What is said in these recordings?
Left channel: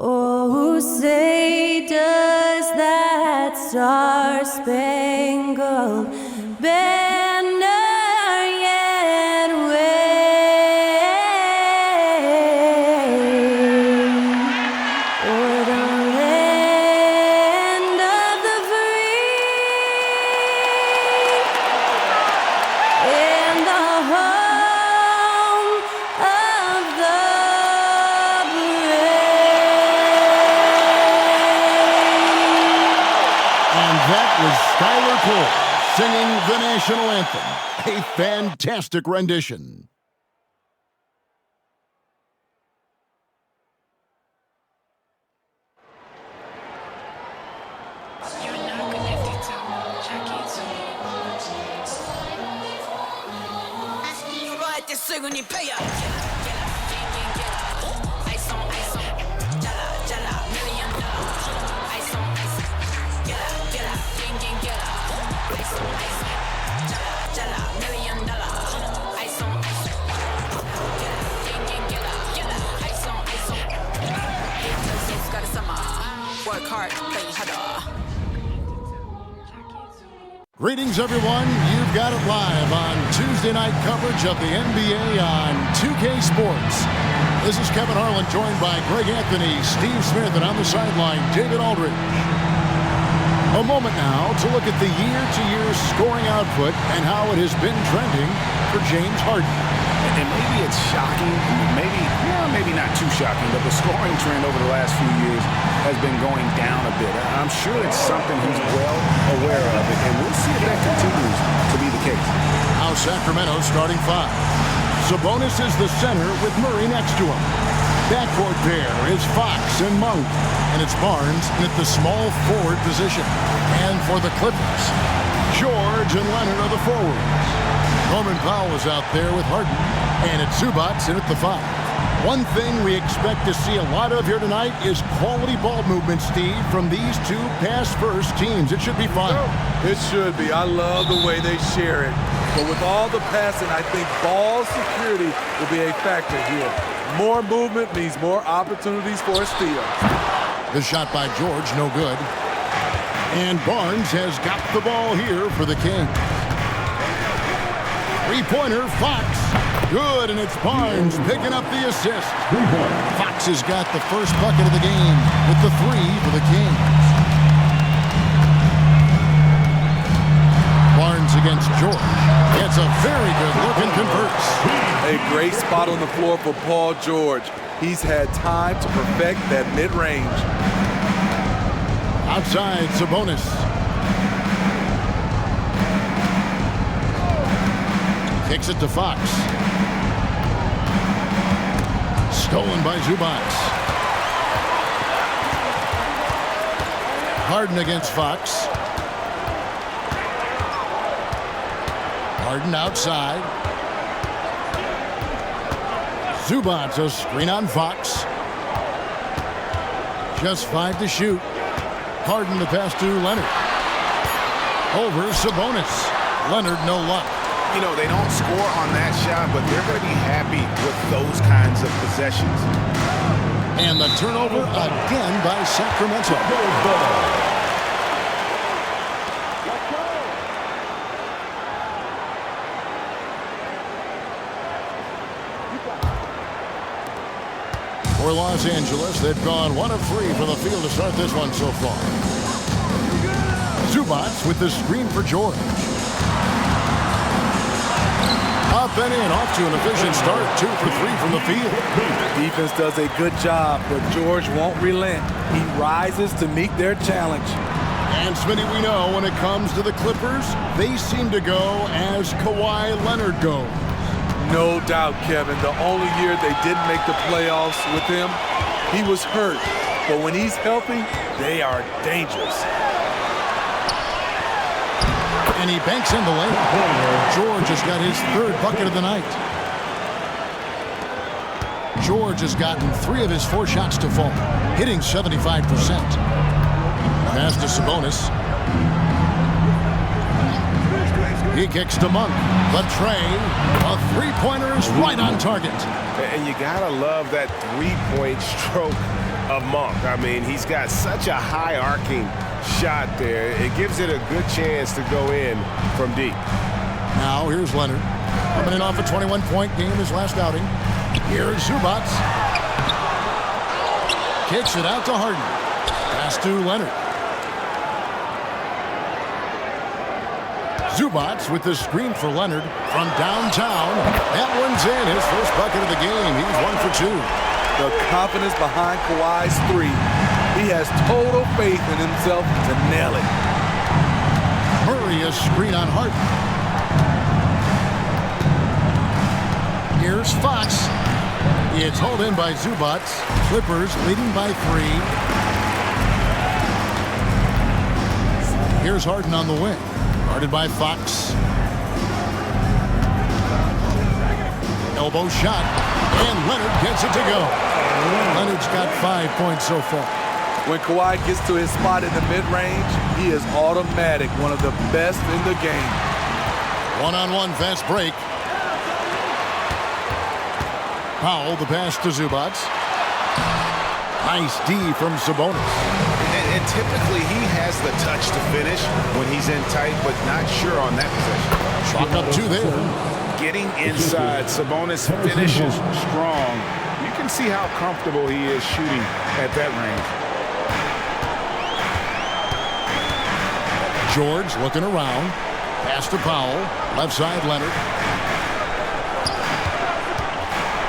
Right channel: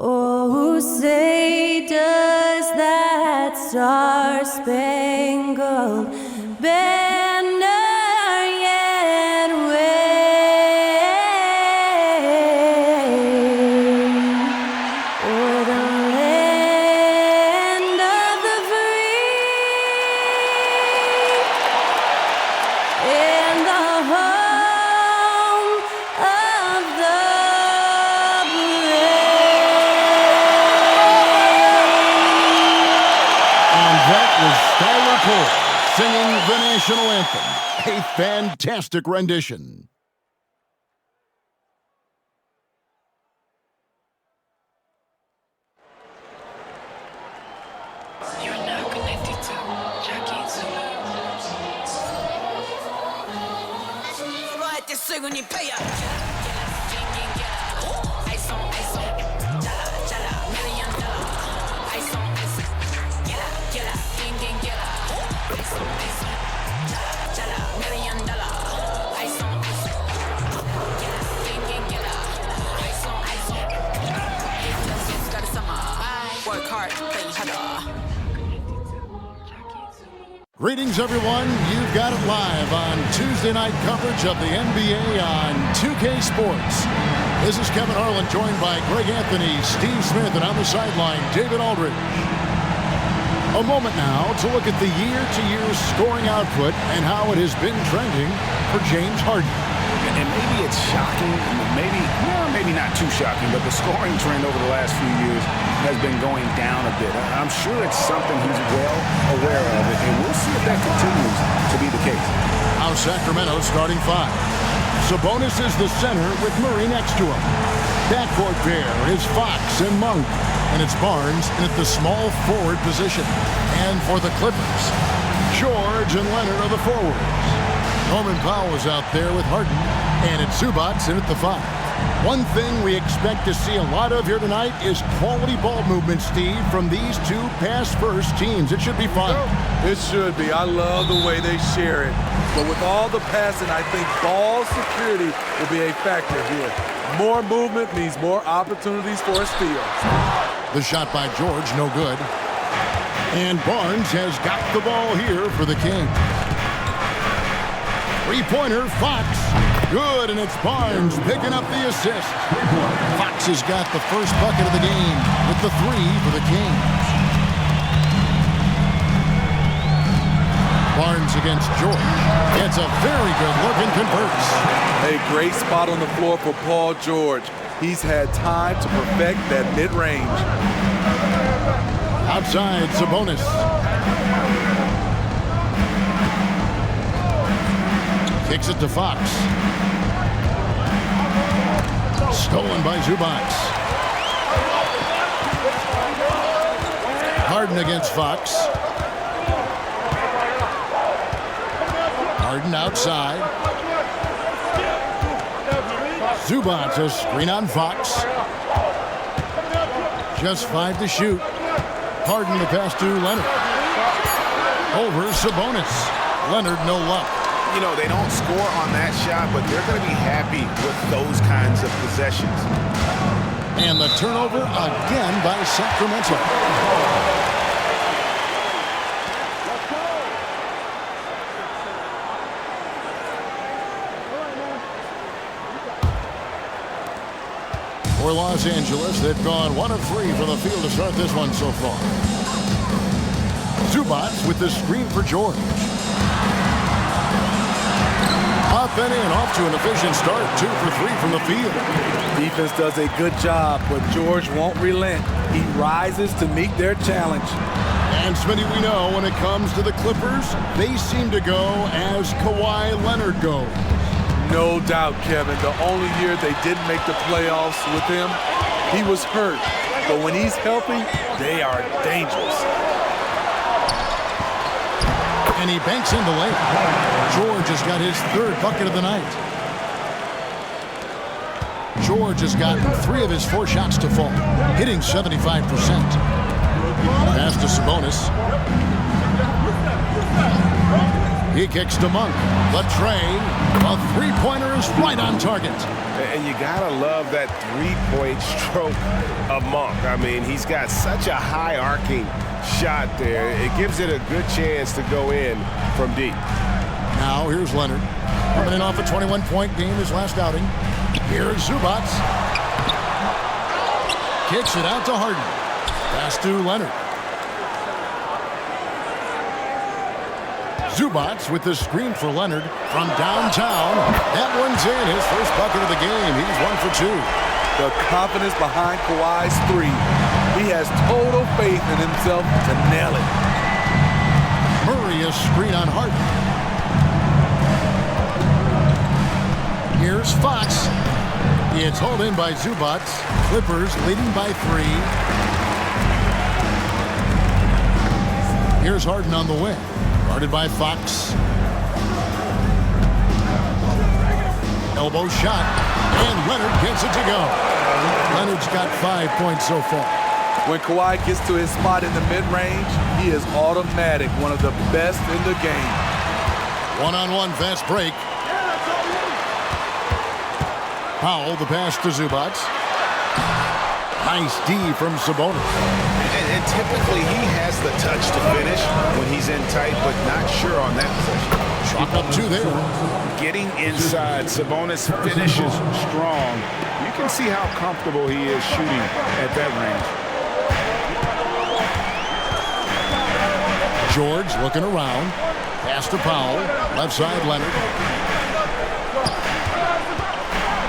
Oh, say does that star-spangled banner yet wave o'er the land of the free and the home of the That was Skylar Cole singing the national anthem. A fantastic rendition. You're now connected to Jackie Work hard, play harder. Greetings, everyone. You've got it live on Tuesday night coverage of the NBA on 2K Sports. This is Kevin Harlan, joined by Greg Anthony, Steve Smith, and on the sideline, David Aldridge. A moment now to look at the year-to-year scoring output and how it has been trending for James Harden. And maybe it's shocking, maybe not too shocking, but the scoring trend over the last few years has been going down a bit. I'm sure it's something he's well aware of, and we'll see if that continues to be the case. Now Sacramento starting five. Sabonis is the center with Murray next to him. Backcourt pair is Fox and Monk, and it's Barnes in at the small forward position. And for the Clippers, George and Leonard are the forwards. Norman Powell is out there with Harden, and it's Zubac in at the five. One thing we expect to see a lot of here tonight is quality ball movement, Steve, from these two pass-first teams. It should be fun. It should be. I love the way they share it. But with all the passing, I think ball security will be a factor here. More movement means more opportunities for a steal. The shot by George, no good. And Barnes has got the ball here for the Kings. Three-pointer, Fox. Good, and it's Barnes picking up the assist. Fox has got the first bucket of the game with the three for the Kings. Barnes against George. It's a very good look and converts. A great spot on the floor for Paul George. He's had time to perfect that mid-range. Outside, Sabonis. Kicks it to Fox. Stolen by Zubac. Harden against Fox. Harden outside. Zubac, a screen on Fox. Just 5 to shoot. Harden the pass to Leonard. Over Sabonis. Leonard, no luck. You know, they don't score on that shot, but they're going to be happy with those kinds of possessions. And the turnover again by Sacramento. For Los Angeles, they've gone 1 of 3 from the field to start this one so far. Zubac with the screen for George. Up and in, off to an efficient start. 2 for 3 from the field. Defense does a good job, but George won't relent. He rises to meet their challenge. And Smitty, we know when it comes to the Clippers, they seem to go as Kawhi Leonard goes. No doubt, Kevin. The only year they didn't make the playoffs with him, he was hurt. But when he's healthy, they are dangerous. And he banks in the layup. George has got his 3rd bucket of the night. George has gotten 3 of his 4 shots to fall, hitting 75%. Pass to Sabonis. He kicks to Monk. The tray, a three-pointer is right on target. And you gotta love that three-point stroke of Monk. I mean, he's got such a high arcing shot there. It gives it a good chance to go in from deep. Now here's Leonard. Coming in off a 21-point game his last outing. Here's Zubac. Kicks it out to Harden. Pass to Leonard. Zubac with the screen for Leonard from downtown. That one's in. His first bucket of the game. He's 1 for 2. The confidence behind Kawhi's three. He has total faith in himself to nail it. Murray a screen on Harden. Here's Fox. It's hauled in by Zubac. Clippers leading by 3. Here's Harden on the wing. Guarded by Fox. Elbow shot. And Leonard gets it to go. Leonard's got 5 points so far. When Kawhi gets to his spot in the mid-range, he is automatic, one of the best in the game. One-on-one fast break. Powell, the pass to Zubac. Nice D from Sabonis. And typically he has the touch to finish when he's in tight, but not sure on that possession. Chalk up 2 there. Getting inside, Sabonis finishes strong. You can see how comfortable he is shooting at that range. George looking around. Pass to Powell. Left side, Leonard.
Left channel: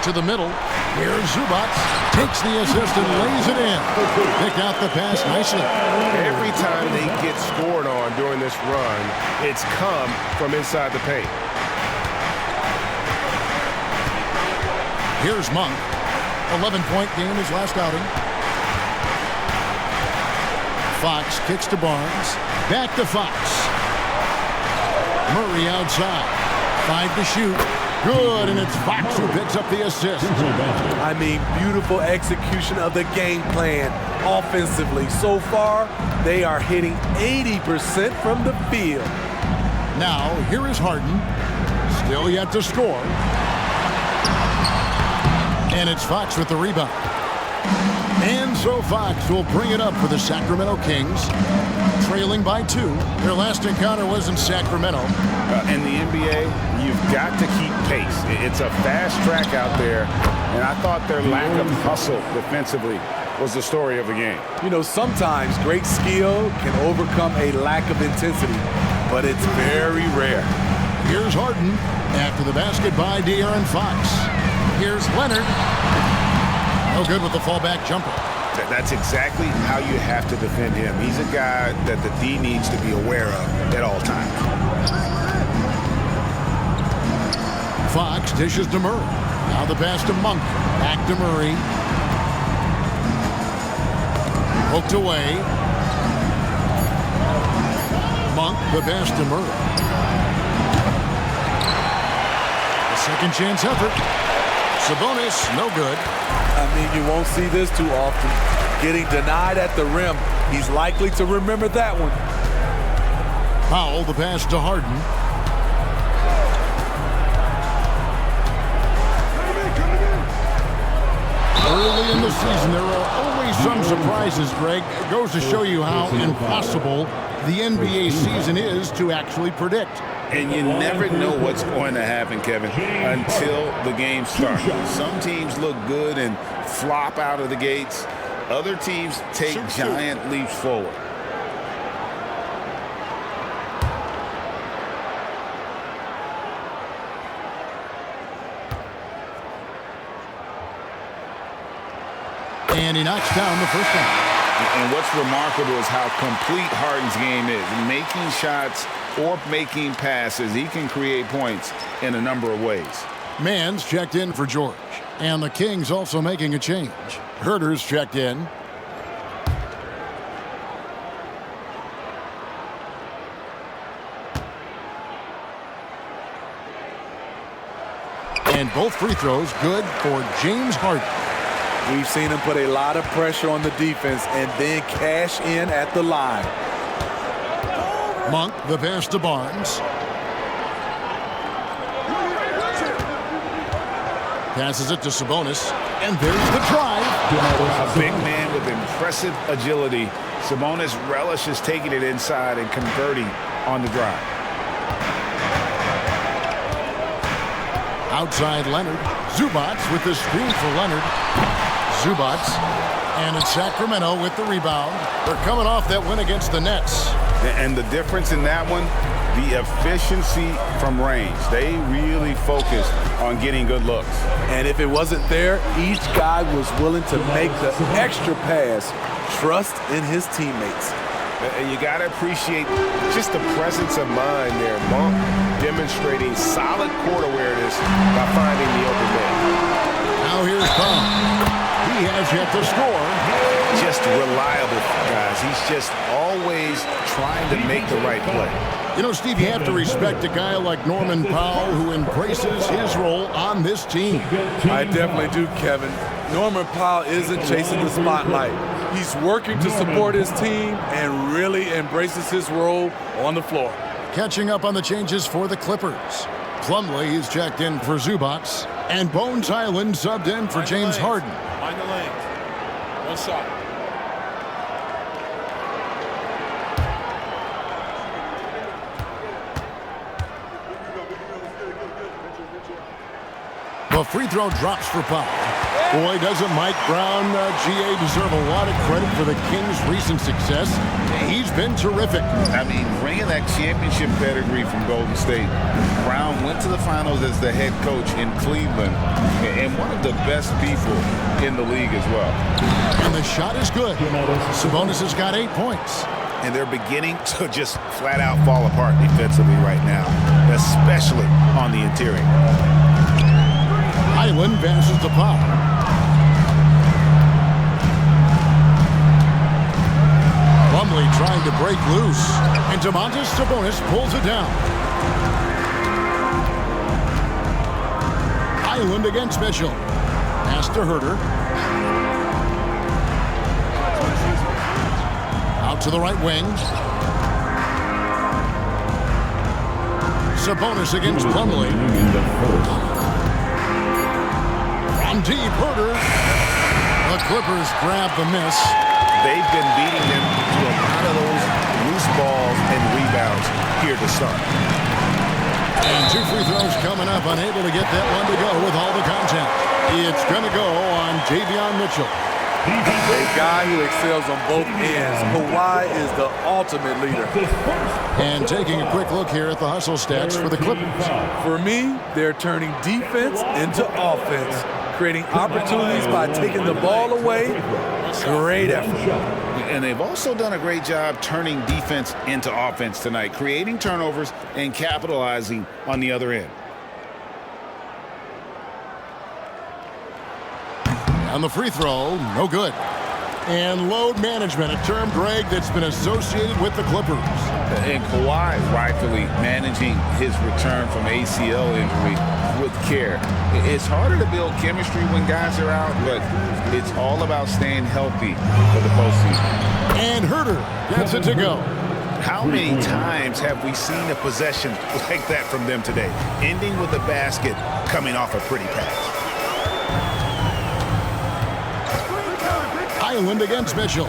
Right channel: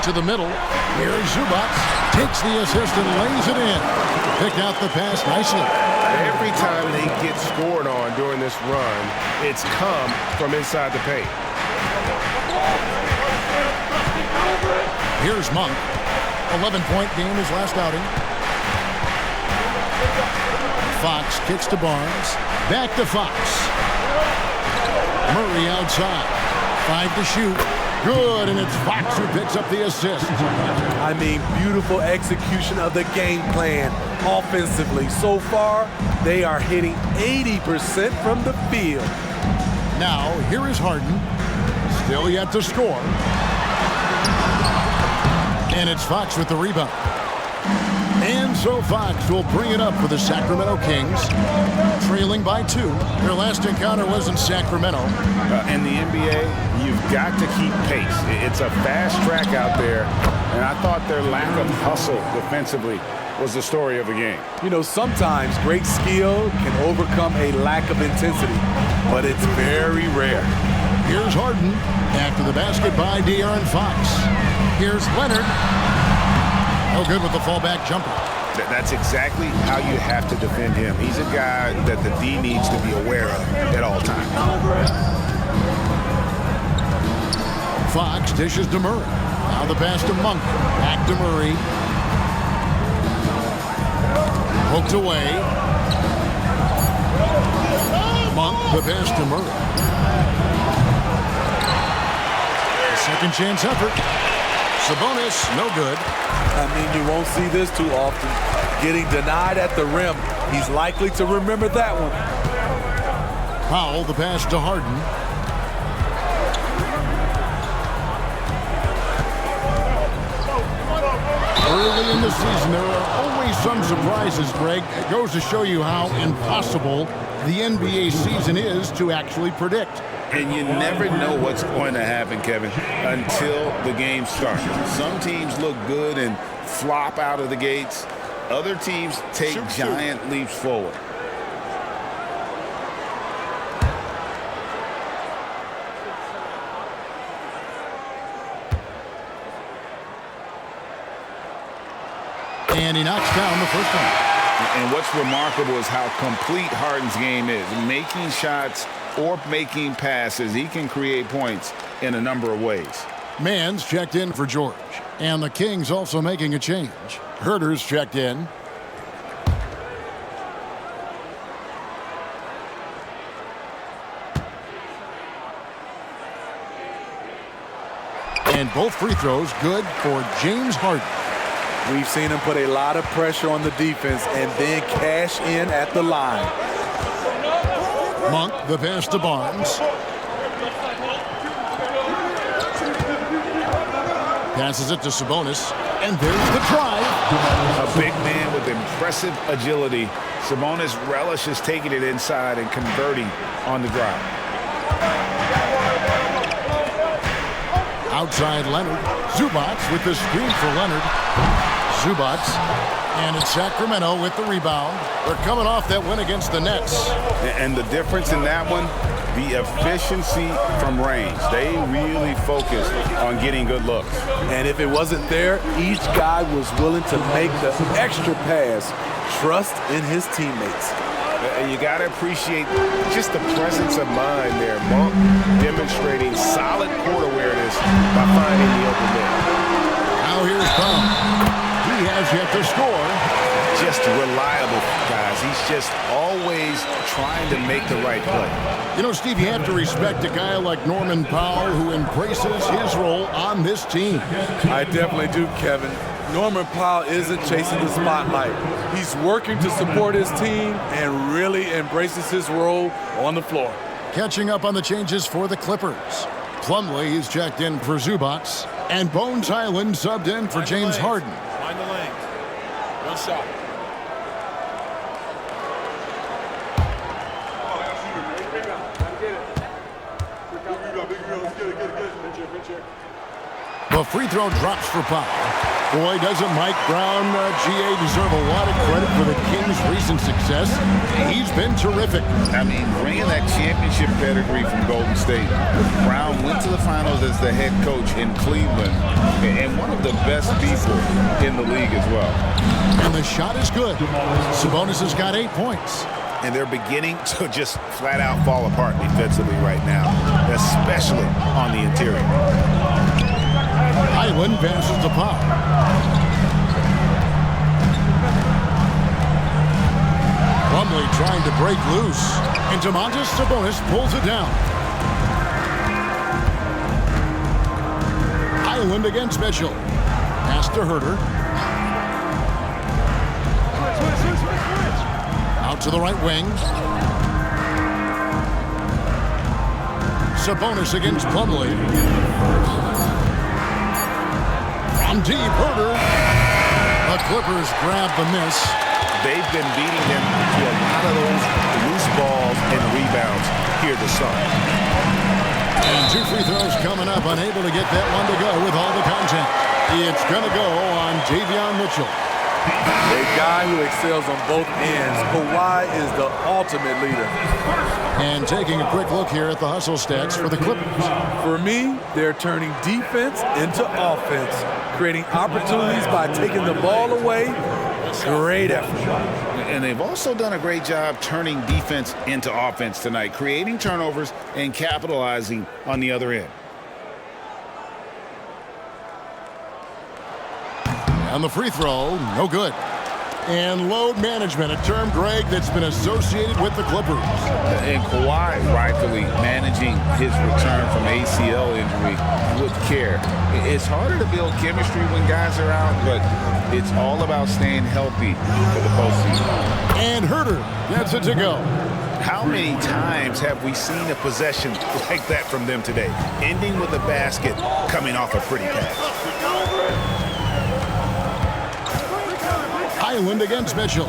To the middle. Here's Zubac. Takes the assist and lays it in. Picked out the pass nicely. Every time they get scored on during this run, it's come from inside the paint. Here's Monk. 11-point game his last outing. Fox kicks to Barnes. Back to Fox. Murray outside. 5 to shoot. Good, and it's Fox who picks up the assist. I mean, beautiful execution of the game plan offensively. So far, they are hitting 80% from the field. Now, here is Harden. Still yet to score. And it's Fox with the rebound. And so Fox will bring it up for the Sacramento Kings, trailing by 2. Their last encounter was in Sacramento. In the NBA, you've got to keep pace. It's a fast track out there, and I thought their lack of hustle defensively was the story of the game. You know, sometimes great skill can overcome a lack of intensity, but it's very rare. Here's Harden after the basket by De'Aaron Fox. Here's Leonard. No good with the fallback jumper. That's exactly how you have to defend him. He's a guy that the D needs to be aware of at all times. Fox dishes to Murray. Now the pass to Monk. Back to Murray. Poked away. Monk, the pass to Murray. A second chance effort. Sabonis, no good. I mean, you won't see this too often. Getting denied at the rim. He's likely to remember that one. Powell, the pass to Harden. Early in the season, there are always some surprises, Greg. It goes to show you how impossible the NBA season is to actually predict. And you never know what's going to happen, Kevin, until the game starts. Some teams look good and flop out of the gates. Other teams take giant leaps forward. And he knocks down the first time. And what's remarkable is how complete Harden's game is. Making shots or making passes, he can create points in a number of ways. Mann's checked in for George. And the Kings also making a change. Herter's checked in. And both free throws good for James Harden. We've seen him put a lot of pressure on the defense and then cash in at the line. Monk, the pass to Barnes. Passes it to Sabonis. And there's the drive. A big man with impressive agility. Sabonis relishes taking it inside and converting on the drive. Outside Leonard. Zubats with the screen for Leonard. Zubats. And it's Sacramento with the rebound. They're coming off that win against the Nets. And the difference in that one, the efficiency from range. They really focused on getting good looks. And if it wasn't there, each guy was willing to make the extra pass. Trust in his teammates. And you got to appreciate just the presence of mind there. Monk demonstrating solid court awareness by finding the open man. Now here's Tom. He has yet to score. Just reliable, guys. He's just always trying to make the right play. You know, Steve, you have to respect a guy like Norman Powell who embraces his role on this team. I definitely do, Kevin. Norman Powell isn't chasing the spotlight. He's working to support his team and really embraces his role on the floor. Catching up on the changes for the Clippers. Plumlee is checked in for Zubats. And Bones Highland subbed in for James Harden. Mind the lanes. One shot. The free throw drops for Powell. Boy, doesn't Mike Brown, GA, deserve a lot of credit for the Kings' recent success. He's been terrific. I mean, bringing that championship pedigree from Golden State. Brown went to the finals as the head coach in Cleveland and one of the best people in the league as well. And the shot is good. Sabonis has got 8 points. And they're beginning to just flat out fall apart defensively right now, especially on the interior. Highland passes to Powell. Plumlee trying to break loose. And Domantas Sabonis pulls it down. Highland against Mitchell. Pass to Herter. Out to the right wing. Sabonis against Plumlee. From deep, Herter. The Clippers grab the miss. They've been beating them to a lot of those loose balls and rebounds here to start. And 2 free throws coming up, unable to get that one to go with all the contact. It's going to go on Davion Mitchell. A guy who excels on both ends. Kawhi is the ultimate leader. And taking a quick look here at the hustle stats for the Clippers. For me, they're turning defense into offense, creating opportunities by taking the ball away. Great effort. And they've also done a great job turning defense into offense tonight, creating turnovers and capitalizing on the other end. On the free throw, no good. And load management, a term, Greg, that's been associated with the Clippers. And Kawhi rightfully managing his return from ACL injury with care. It's harder to build chemistry when guys are out, but it's all about staying healthy for the postseason. And Herter gets it to go. How many times have we seen a possession like that from them today, ending with a basket coming off a pretty pass? Highland against Mitchell.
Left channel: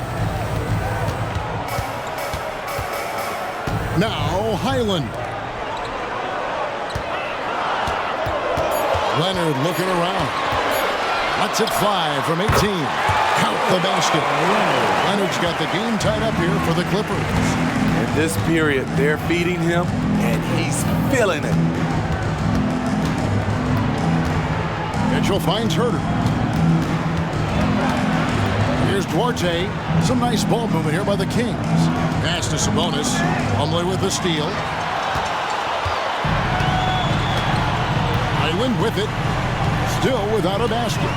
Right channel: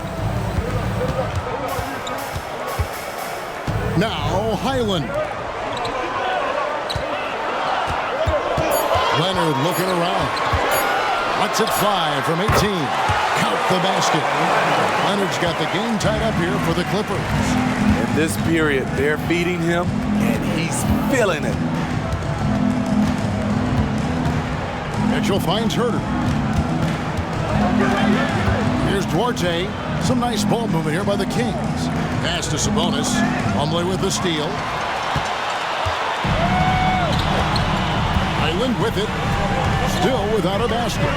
Now Highland. Leonard looking around. Lets it fly from 18. Count the basket. Leonard's got the game tied up here for the Clippers. In this period, they're feeding him, and he's feeling it. Mitchell finds Herter. Here's Duarte. Some nice ball movement here by the Kings. Pass to Sabonis. Plumlee with the steal. Highland with it. Still without a basket.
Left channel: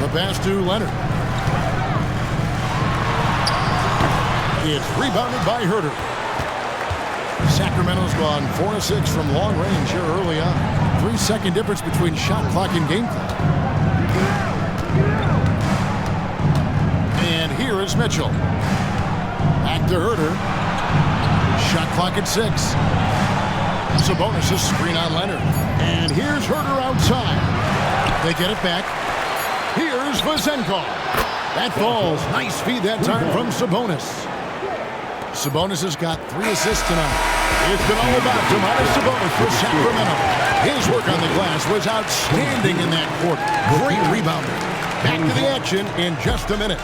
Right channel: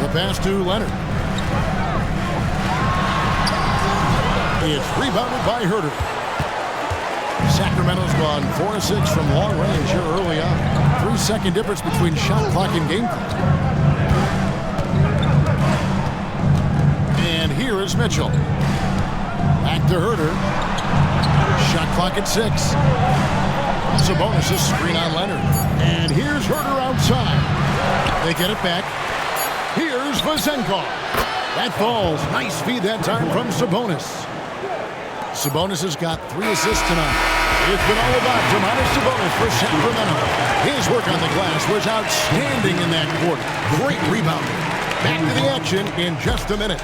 The pass to Leonard. It's rebounded by Herter. Sacramento's gone 4 of 6 from long range here early on. 3-second difference between shot clock and game clock. And here is Mitchell. Back to Herter. Shot clock at 6. Sabonis' screen on Leonard. And here's Herder outside. They get it back. Here's Vazenkov. That falls. Nice feed that time from Sabonis. Sabonis has got 3 assists tonight. It's been all about Domantas Sabonis for Sacramento. His work on the glass was outstanding in that quarter. Great rebounding. Back to the action in just a minute.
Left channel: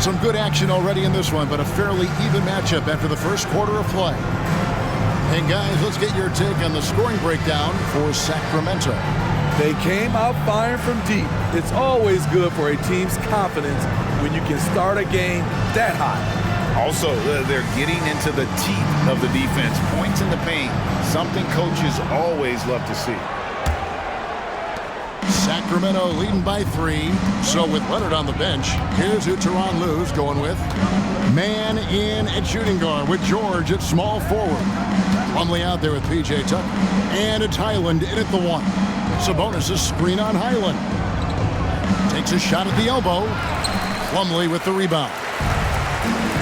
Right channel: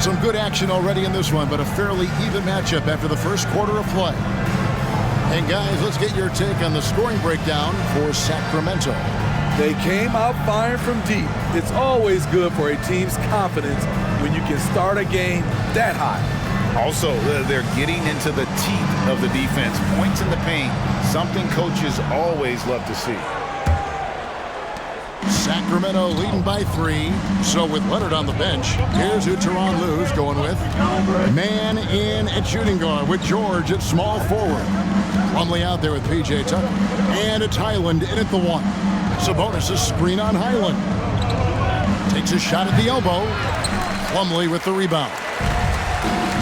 Some good action already in this one, but a fairly even matchup after the first quarter of play. And guys, let's get your take on the scoring breakdown for Sacramento. They came out firing from deep. It's always good for a team's confidence when you can start a game that high. Also, they're getting into the teeth of the defense. Points in the paint, something coaches always love to see. Sacramento leading by 3. So with Leonard on the bench, here's who Tyronn Lue's going with. Man in at shooting guard with George at small forward. Plumlee out there with P.J. Tucker. And it's Highland in at the 1. Sabonis a screen on Highland. Takes a shot at the elbow. Plumlee with the rebound.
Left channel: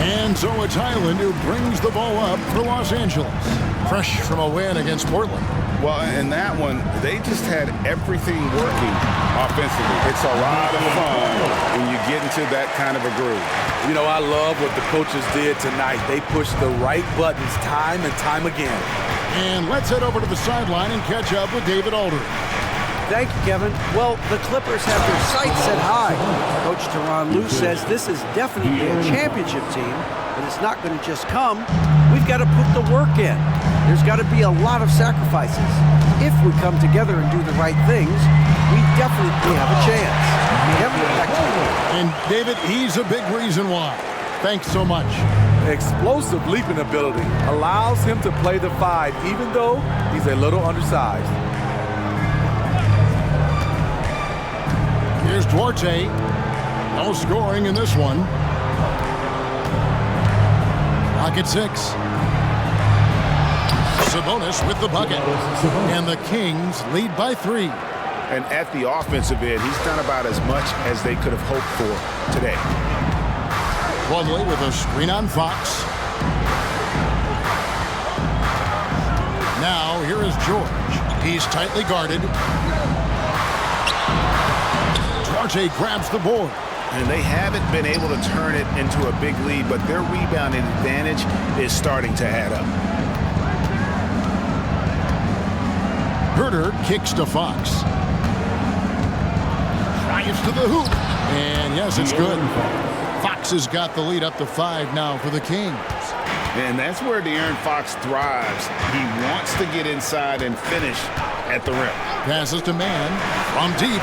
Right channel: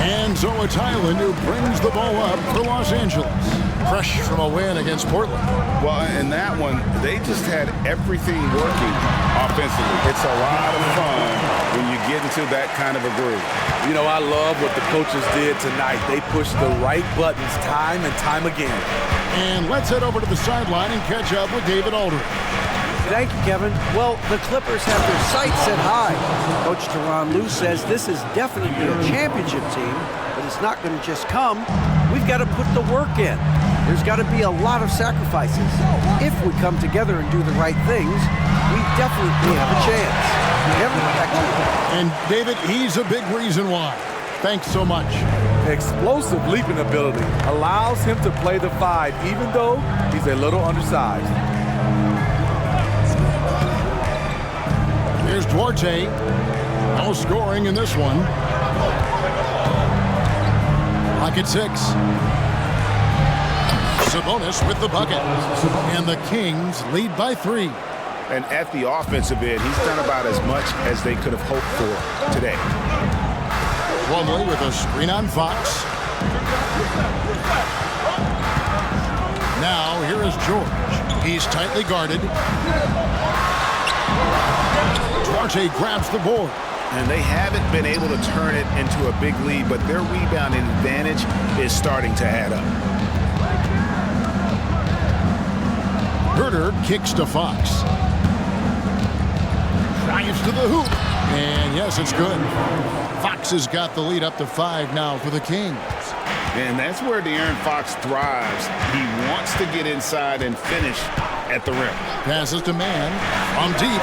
And so it's Highland who brings the ball up for Los Angeles. Fresh from a win against Portland. Well, in that one, they just had everything working offensively. It's a lot of fun when you get into that kind of a groove. You know, I love what the coaches did tonight. They pushed the right buttons time and time again. And let's head over to the sideline and catch up with David Aldridge. Thank you, Kevin. Well, the Clippers have their sights set high. Coach Tyronn Lue says this is definitely a championship team, but it's not going to just come. We've got to put the work in. There's got to be a lot of sacrifices. If we come together and do the right things, we definitely have a chance. Kevin, back to you. And David, he's a big reason why. Thanks so much. Explosive leaping ability allows him to play the 5, even though he's a little undersized. Here's Duarte. No scoring in this one. Clock at 6. Sabonis with the bucket. And the Kings lead by 3. And at the offensive end, he's done about as much as they could have hoped for today. Plumlee with a screen on Fox. Now here is George. He's tightly guarded. Duarte grabs the board. And they haven't been able to turn it into a big lead, but their rebounding advantage is starting to add up. Herder kicks to Fox. Drives to the hoop. And yes, it's good. Fox has got the lead up to 5 now for the Kings. And that's where De'Aaron Fox thrives. He wants to get inside and finish at the rim. Passes to Man from deep.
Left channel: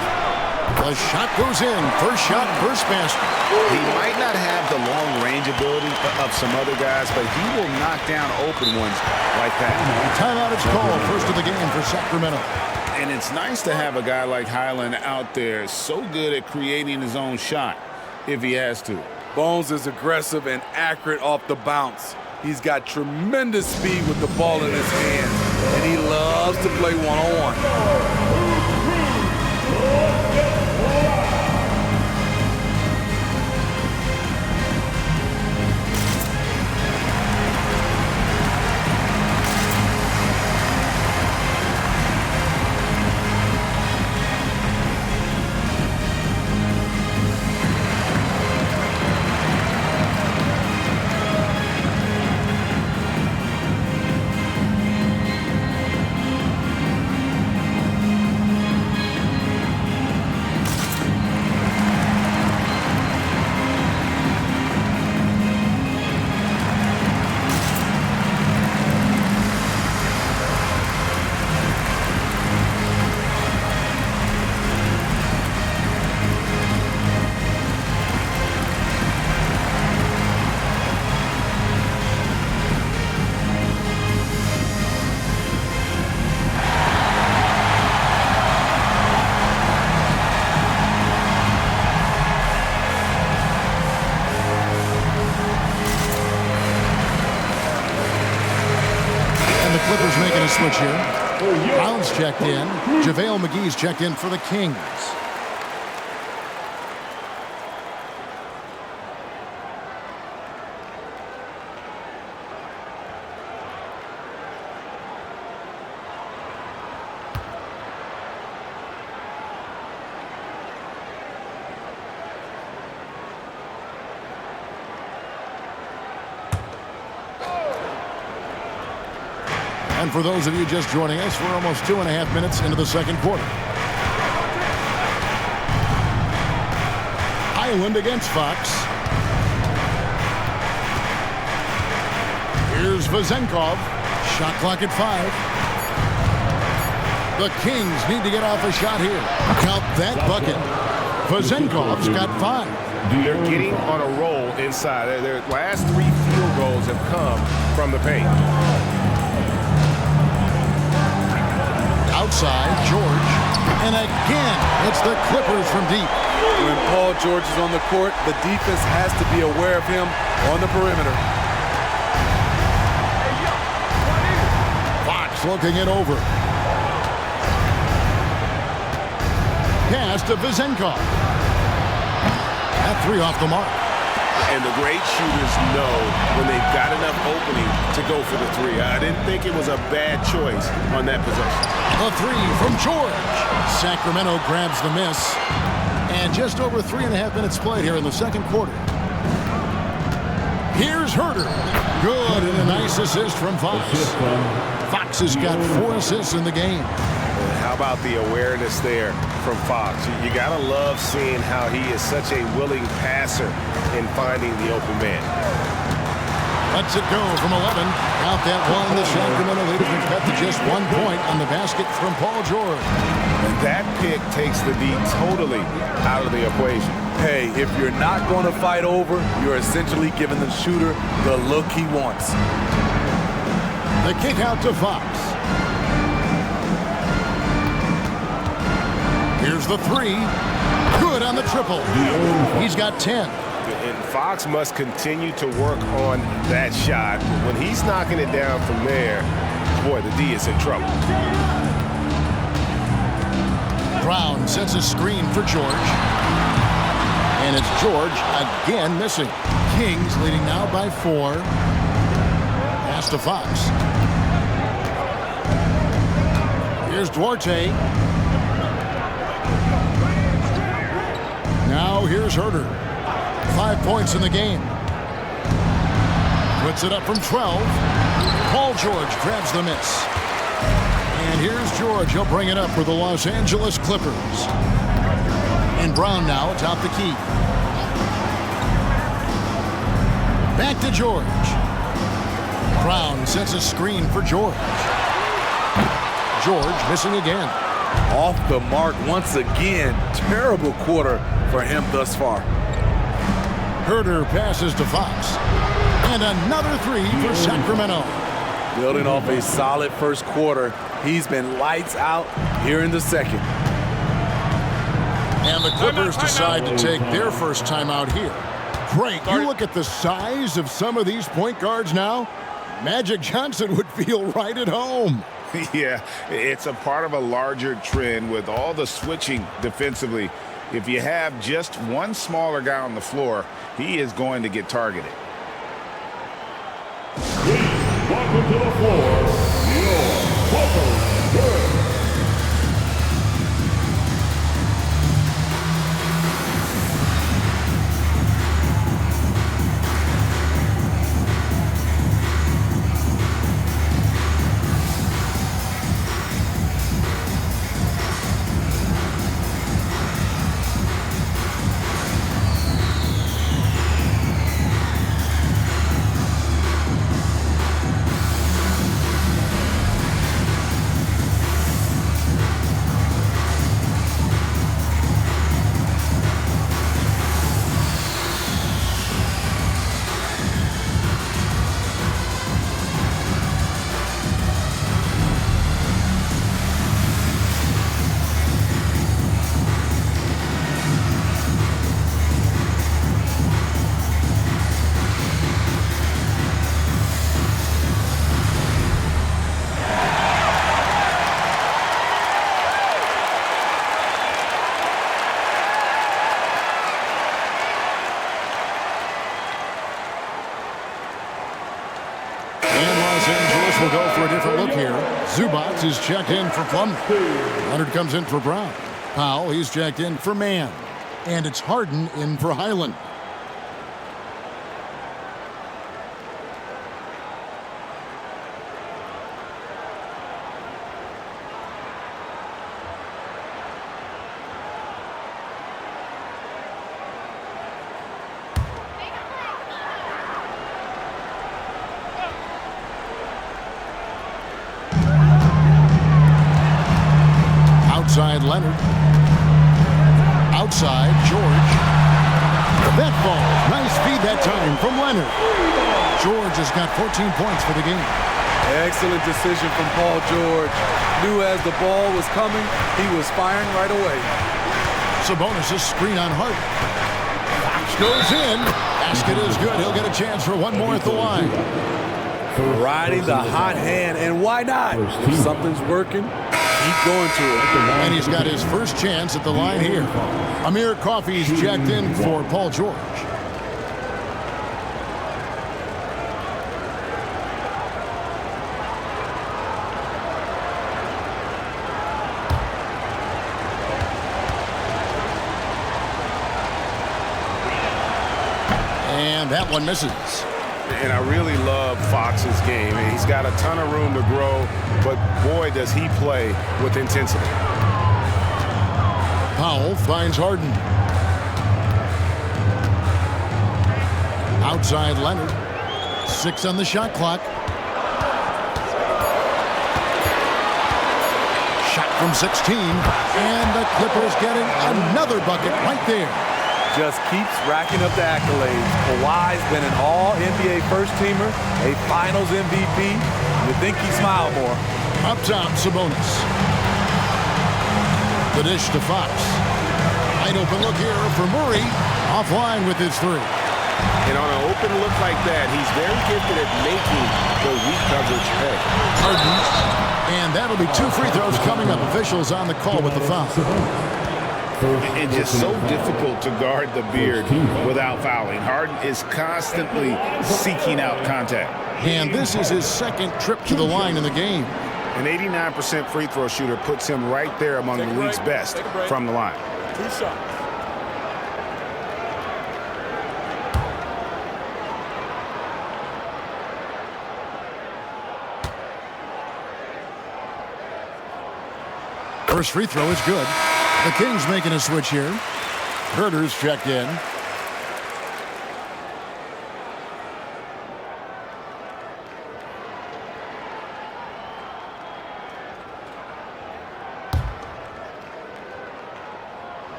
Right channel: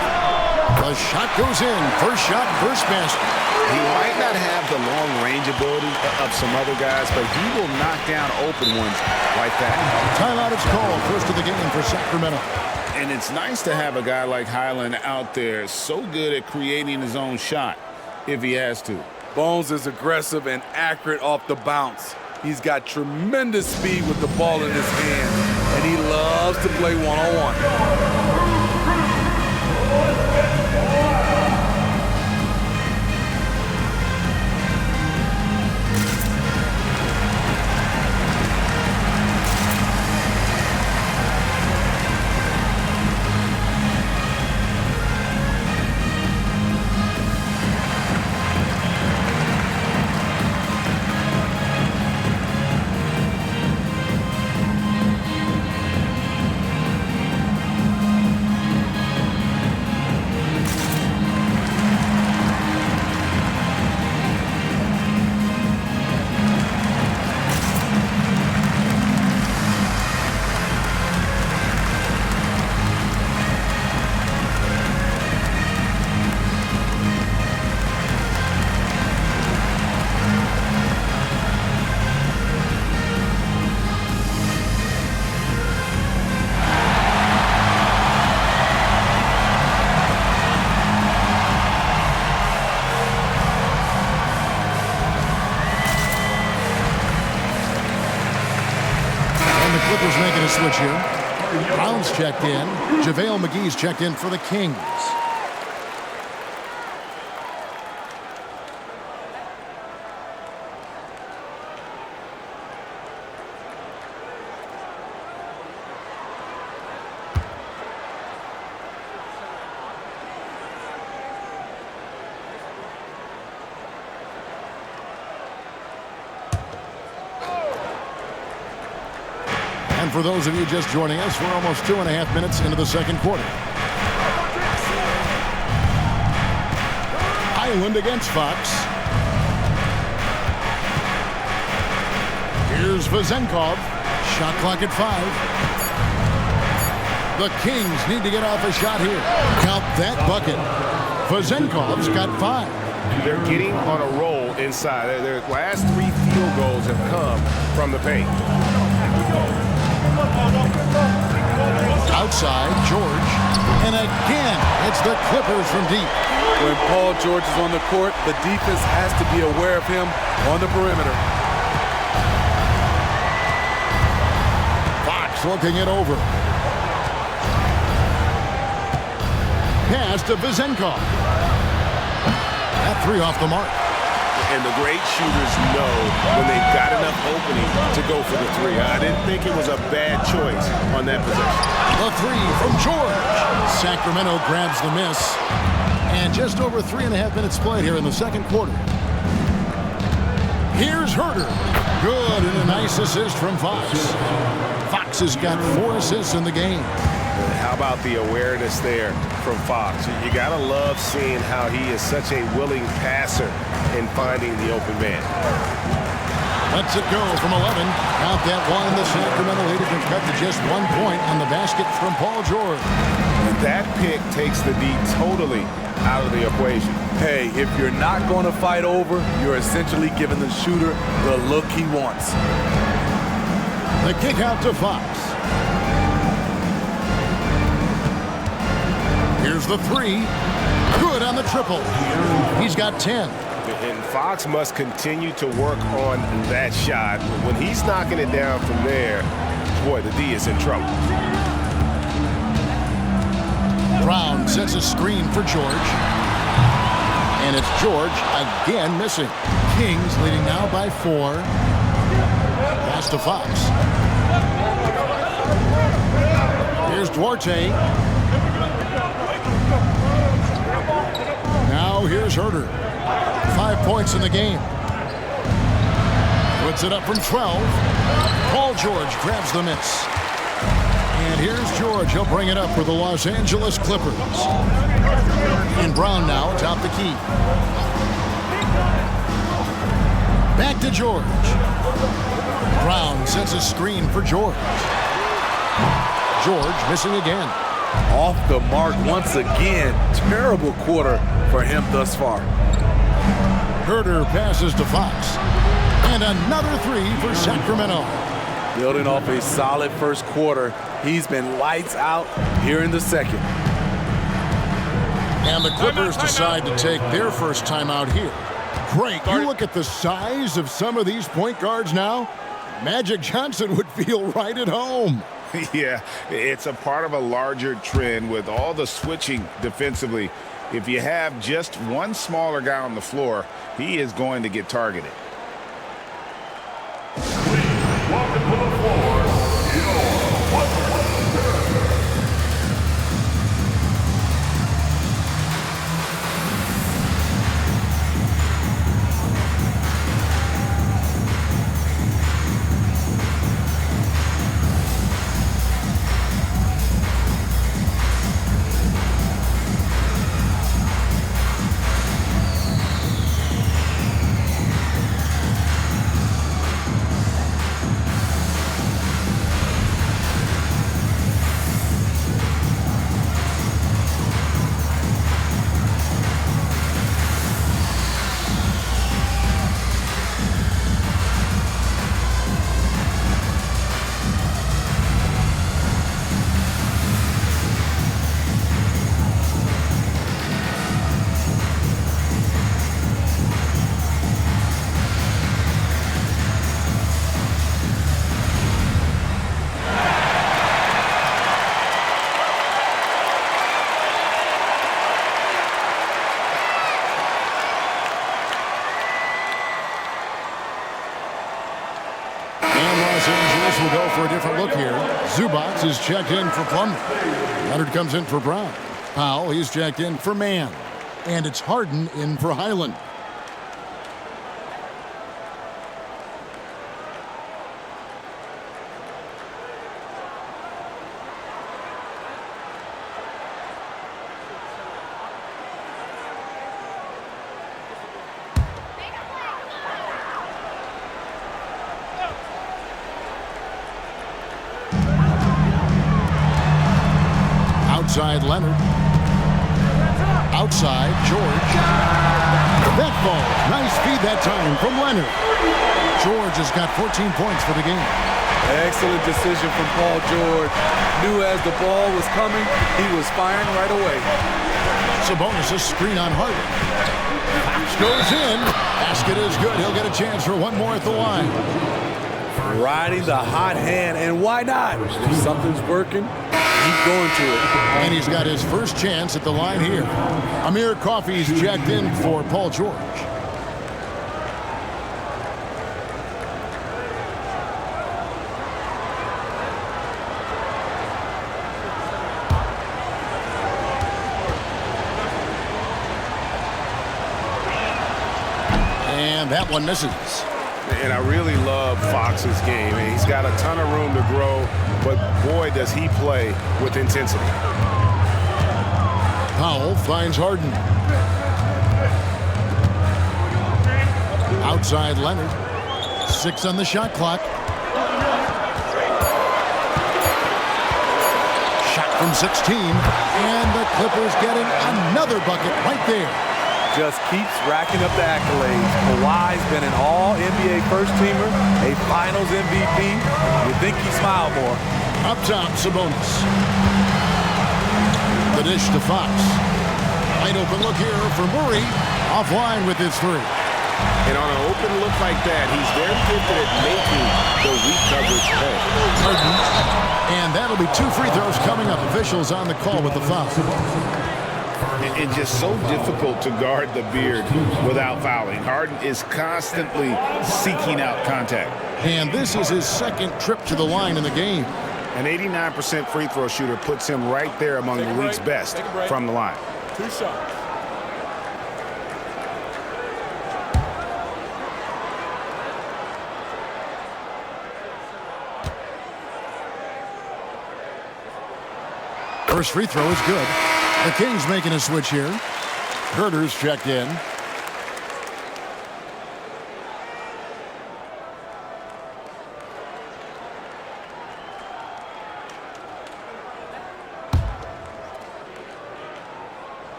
The shot goes in. First shot, first basket. He might not have the long range ability of some other guys, but he will knock down open ones like that. Timeout is called. First of the game for Sacramento. And it's nice to have a guy like Highland out there so good at creating his own shot if he has to. Bones is aggressive and accurate off the bounce. He's got tremendous speed with the ball in his hands, and he loves to play one-on-one. Clippers making a switch here. Brown's checked in. JaVale McGee's checked in for the Kings. And for those of you just joining us, we're almost 2.5 minutes into the second quarter. Island against Fox. Here's Vezenkov. Shot clock at 5. The Kings need to get off a shot here. Count that bucket. Vezenkov's got 5. They're getting on a roll inside. Their last 3 field goals have come from the paint. Outside, George. And again, it's the Clippers from deep. When Paul George is on the court, the defense has to be aware of him on the perimeter. Fox looking it over. Pass to Vezenkov. That 3 off the mark. And the great shooters know when they've got enough opening to go for the 3. I didn't think it was a bad choice on that possession. The 3 from George. Sacramento grabs the miss. And just over 3.5 minutes played here in the second quarter. Here's Herter. Good, and a nice assist from Fox. Fox has got 4 assists in the game. How about the awareness there from Fox? You got to love seeing how he is such a willing passer in finding the open man. Lets it go from 11. Count that 1. The Sacramento lead has been cut to just 1 point on the basket from Paul George. And that pick takes the D totally out of the equation. Hey, if you're not going to fight over, you're essentially giving the shooter the look he wants. The kick out to Fox. Here's the 3. Good on the triple. He's got 10. And Fox must continue to work on that shot. When he's knocking it down from there, boy, the D is in trouble. Brown sets a screen for George. And it's George again missing. Kings leading now by 4. Pass to Fox. Here's Duarte. Now here's Herter. 5 points in the game. Puts it up from 12. Paul George grabs the miss. And here's George. He'll bring it up for the Los Angeles Clippers. And Brown now atop the key. Back to George. Brown sets a screen for George. George missing again. Off the mark once again. Terrible quarter for him thus far. Herter passes to Fox. And another 3 for Sacramento. Building off a solid first quarter, he's been lights out here in the second. And the Clippers decide to take their first timeout here. Great. You look at the size of some of these point guards now. Magic Johnson would feel right at home. Yeah, it's a part of a larger trend with all the switching defensively. If you have just one smaller guy on the floor, he is going to get targeted. Welcome to the floor, your Clippers. And Los Angeles will go for a different look here. Zubats is checked in for Plumlee. Leonard comes in for Brown. Powell, he's checked in for Mann. And it's Harden in for Highland. Outside Leonard. Outside George. That falls. Nice feed that time from Leonard. George has got 14 points for the game. Excellent decision from Paul George. Knew as the ball was coming, he was firing right away. Sabonis' screen on Harden. Fox goes in. Basket is good. He'll get a chance for one more at the line. Riding the hot hand, and why not? If something's working, keep going to it. And he's got his first chance at the line here. Amir Coffey's checked in for Paul George. And that one misses. And I really love Fox's game. He's got a ton of room to grow, but boy, does he play with intensity. Powell finds Harden. Outside Leonard. 6 on the shot clock. Shot from 16. And the Clippers getting another bucket right there. Just keeps racking up the accolades. Kawhi's been an all-NBA first-teamer, a Finals MVP. You think he smiled more. Up top, Sabonis. The dish to Fox. Wide open look here for Murray. Offline with his 3. And on an open look like that, he's very gifted at making the weak coverage pay. Harden. And that'll be 2 free throws coming up. Officials on the call with the foul. And just so difficult to guard the beard without fouling. Harden is constantly seeking out contact. And this is his second trip to the line in the game. An 89% free throw shooter puts him right there among the league's best from the line. 2 shots. First free throw is good. The Kings making a switch here. Herter's checked in.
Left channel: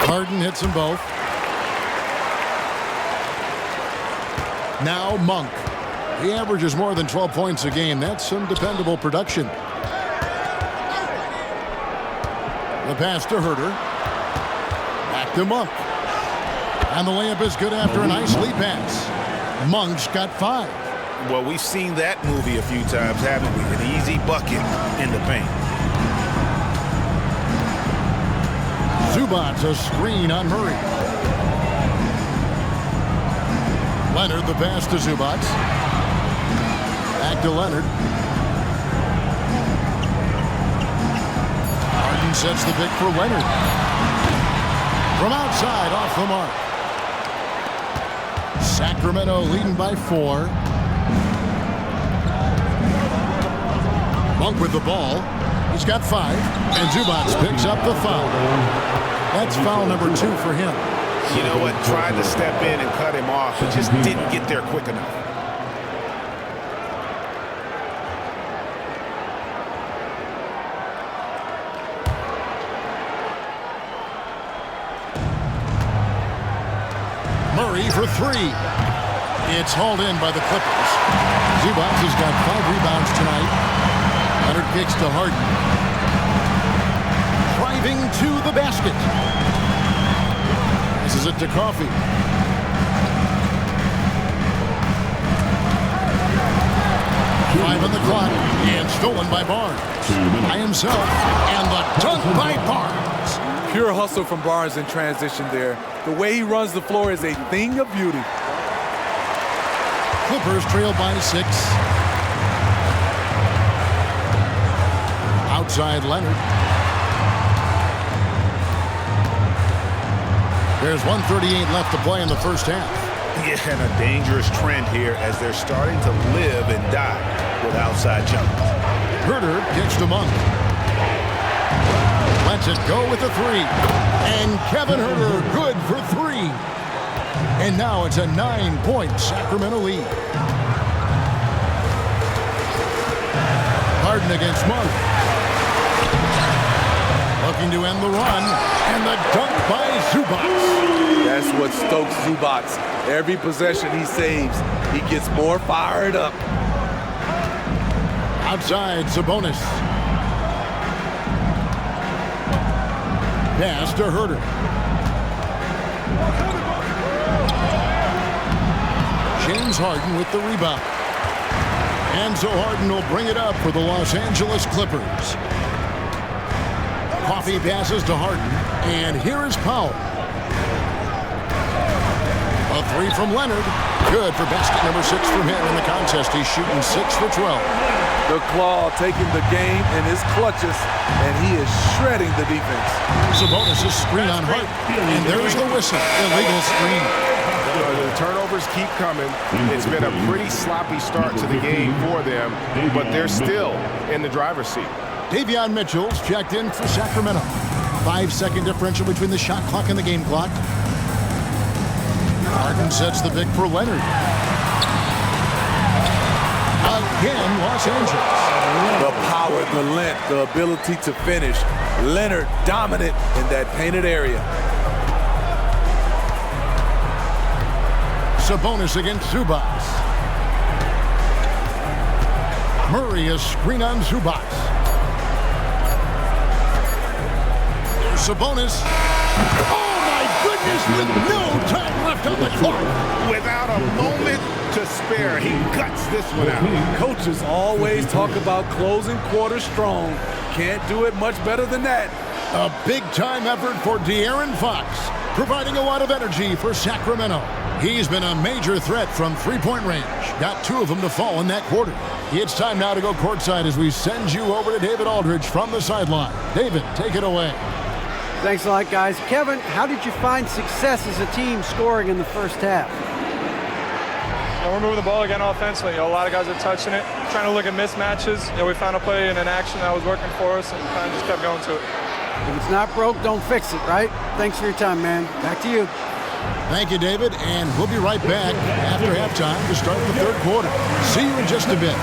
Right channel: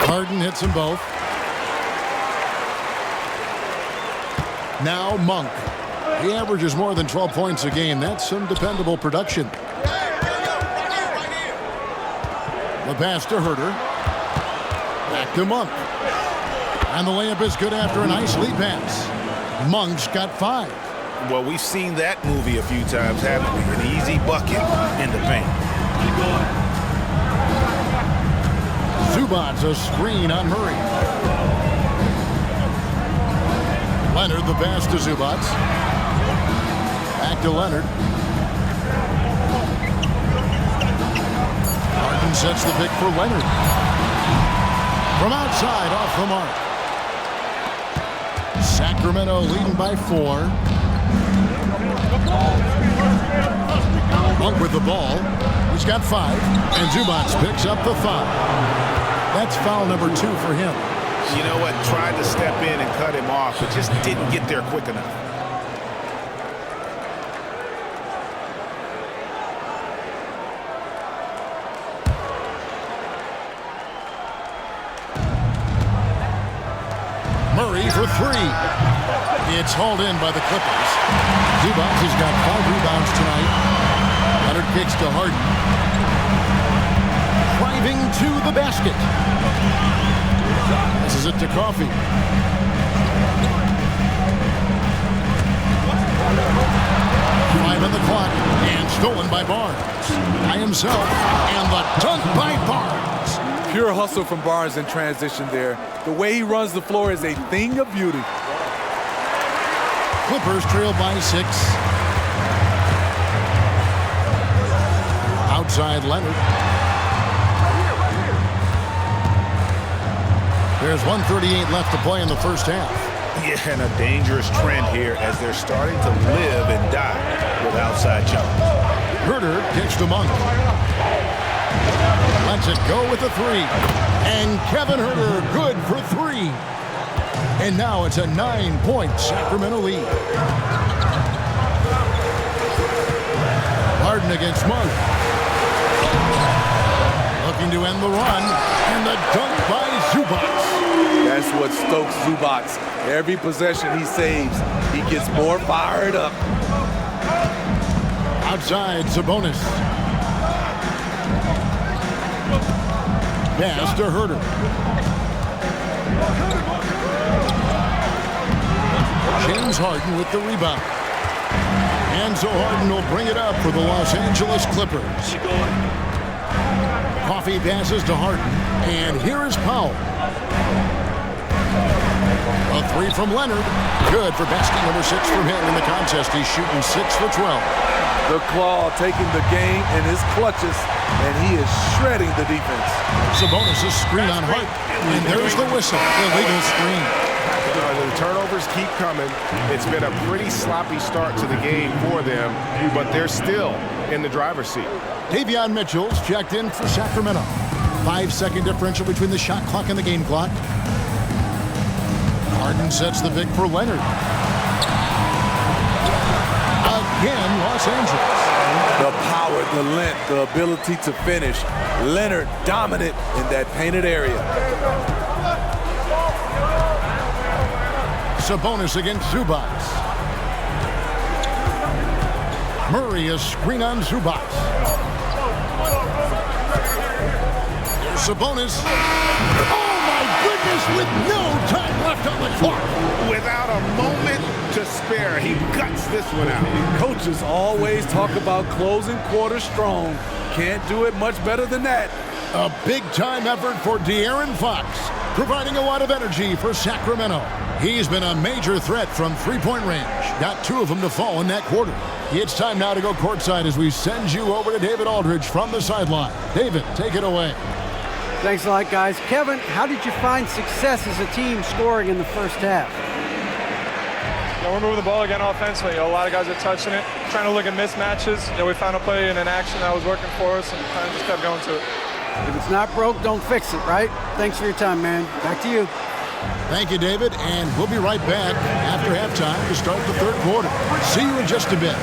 Harden hits them both. Now Monk. He averages more than 12 points a game. That's some dependable production. The pass to Herter. Back to Monk. And the layup is good after a nice lead pass. Monk's got 5. Well, we've seen that movie a few times, haven't we? An easy bucket in the paint. Zubats a screen on Murray. Leonard the pass to Zubats. Back to Leonard. Harden sets the pick for Leonard. From outside, off the mark. Sacramento leading by 4. Monk with the ball. He's got 5. And Zubats picks up the foul. That's foul number 2 for him. You know what? Tried to step in and cut him off, but just didn't get there quick enough. Murray for 3. It's hauled in by the Clippers. Zubats has got 5 rebounds tonight. Leonard kicks to Harden. Driving to the basket. Passes it to Coffey. 5 on the clock, and stolen by Barnes. By himself, and the dunk by Barnes. Pure hustle from Barnes in transition there. The way he runs the floor is a thing of beauty. Clippers trail by 6. Outside Leonard. There's 1:38 left to play in the first half. Yeah, and a dangerous trend here as they're starting to live and die with outside jumpers. Herter kicks to Monk. Lets it go with a 3. And Kevin Herter good for 3. And now it's a 9-point Sacramento lead. Harden against Monk. Looking to end the run. And the dunk by Zubac. That's what stokes Zubac. Every possession he saves, he gets more fired up. Outside Sabonis. Pass to Herter. James Harden with the rebound. And so Harden will bring it up for the Los Angeles Clippers. Coffee passes to Harden, and here is Powell. A 3 from Leonard. Good for basket number 6 from him in the contest. He's shooting 6 for 12. The Claw taking the game in his clutches, and he is shredding the defense. Sabonis' screen on Harden, and there's the whistle. Illegal screen. The turnovers keep coming. It's been a pretty sloppy start to the game for them, but they're still in the driver's seat. Davion Mitchell's checked in for Sacramento. 5-second differential between the shot clock and the game clock. Harden sets the pick for Leonard. Again, Los Angeles. The power, the length, the ability to finish. Leonard dominant in that painted area. Sabonis against Zubac. Murray a screen on Zubac. Here's Sabonis. Oh my goodness, with no time left on the clock. Without a moment to spare, he guts this one out. Coaches always talk about closing quarter strong. Can't do it much better than that. A big-time effort for De'Aaron Fox, providing a lot of energy for Sacramento. He's been a major threat from three-point range. Got 2 of them to fall in that quarter. It's time now to go courtside as we send you over to David Aldridge from the sideline. David, take it away. Thanks a lot, guys. Kevin, how did you find success as a team scoring in the first half? We're moving the ball again offensively. A lot of guys are touching it, trying to look at mismatches. We found a play in an action that was working for us and kind of just kept going to it. If it's not broke, don't fix it, right? Thanks for your time, man. Back to you. Thank you, David, and we'll be right back after halftime to start the third quarter. See you in just a bit.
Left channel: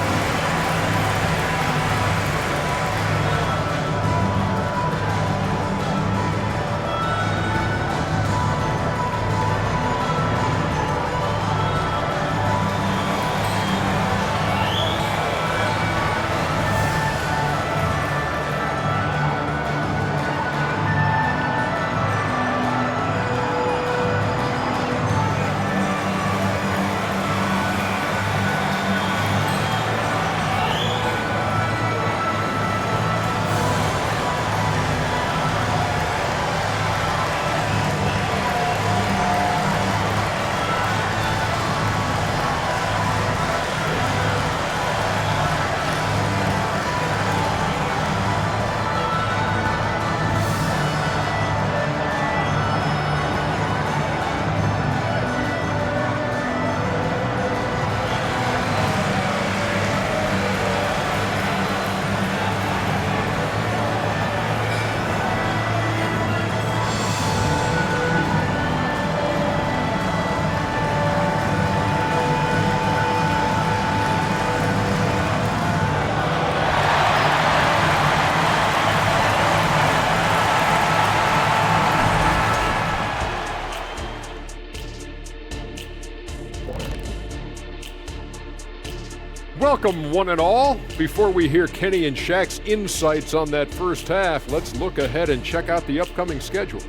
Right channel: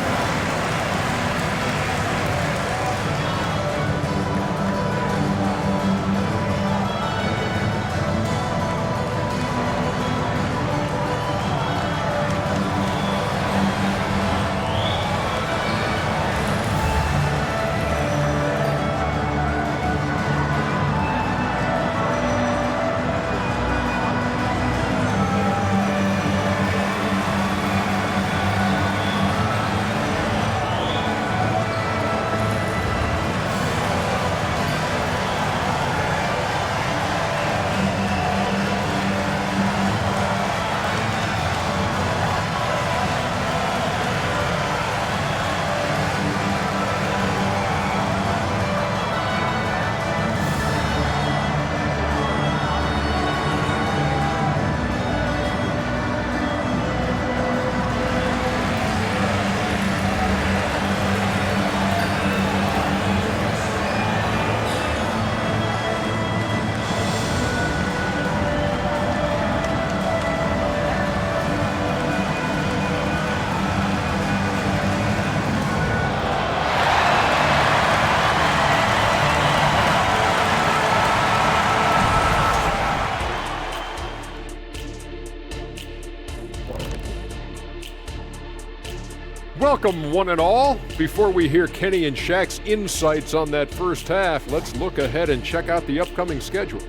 Welcome, one and all. Before we hear Kenny and Shaq's insights on that first half, let's look ahead and check out the upcoming schedule.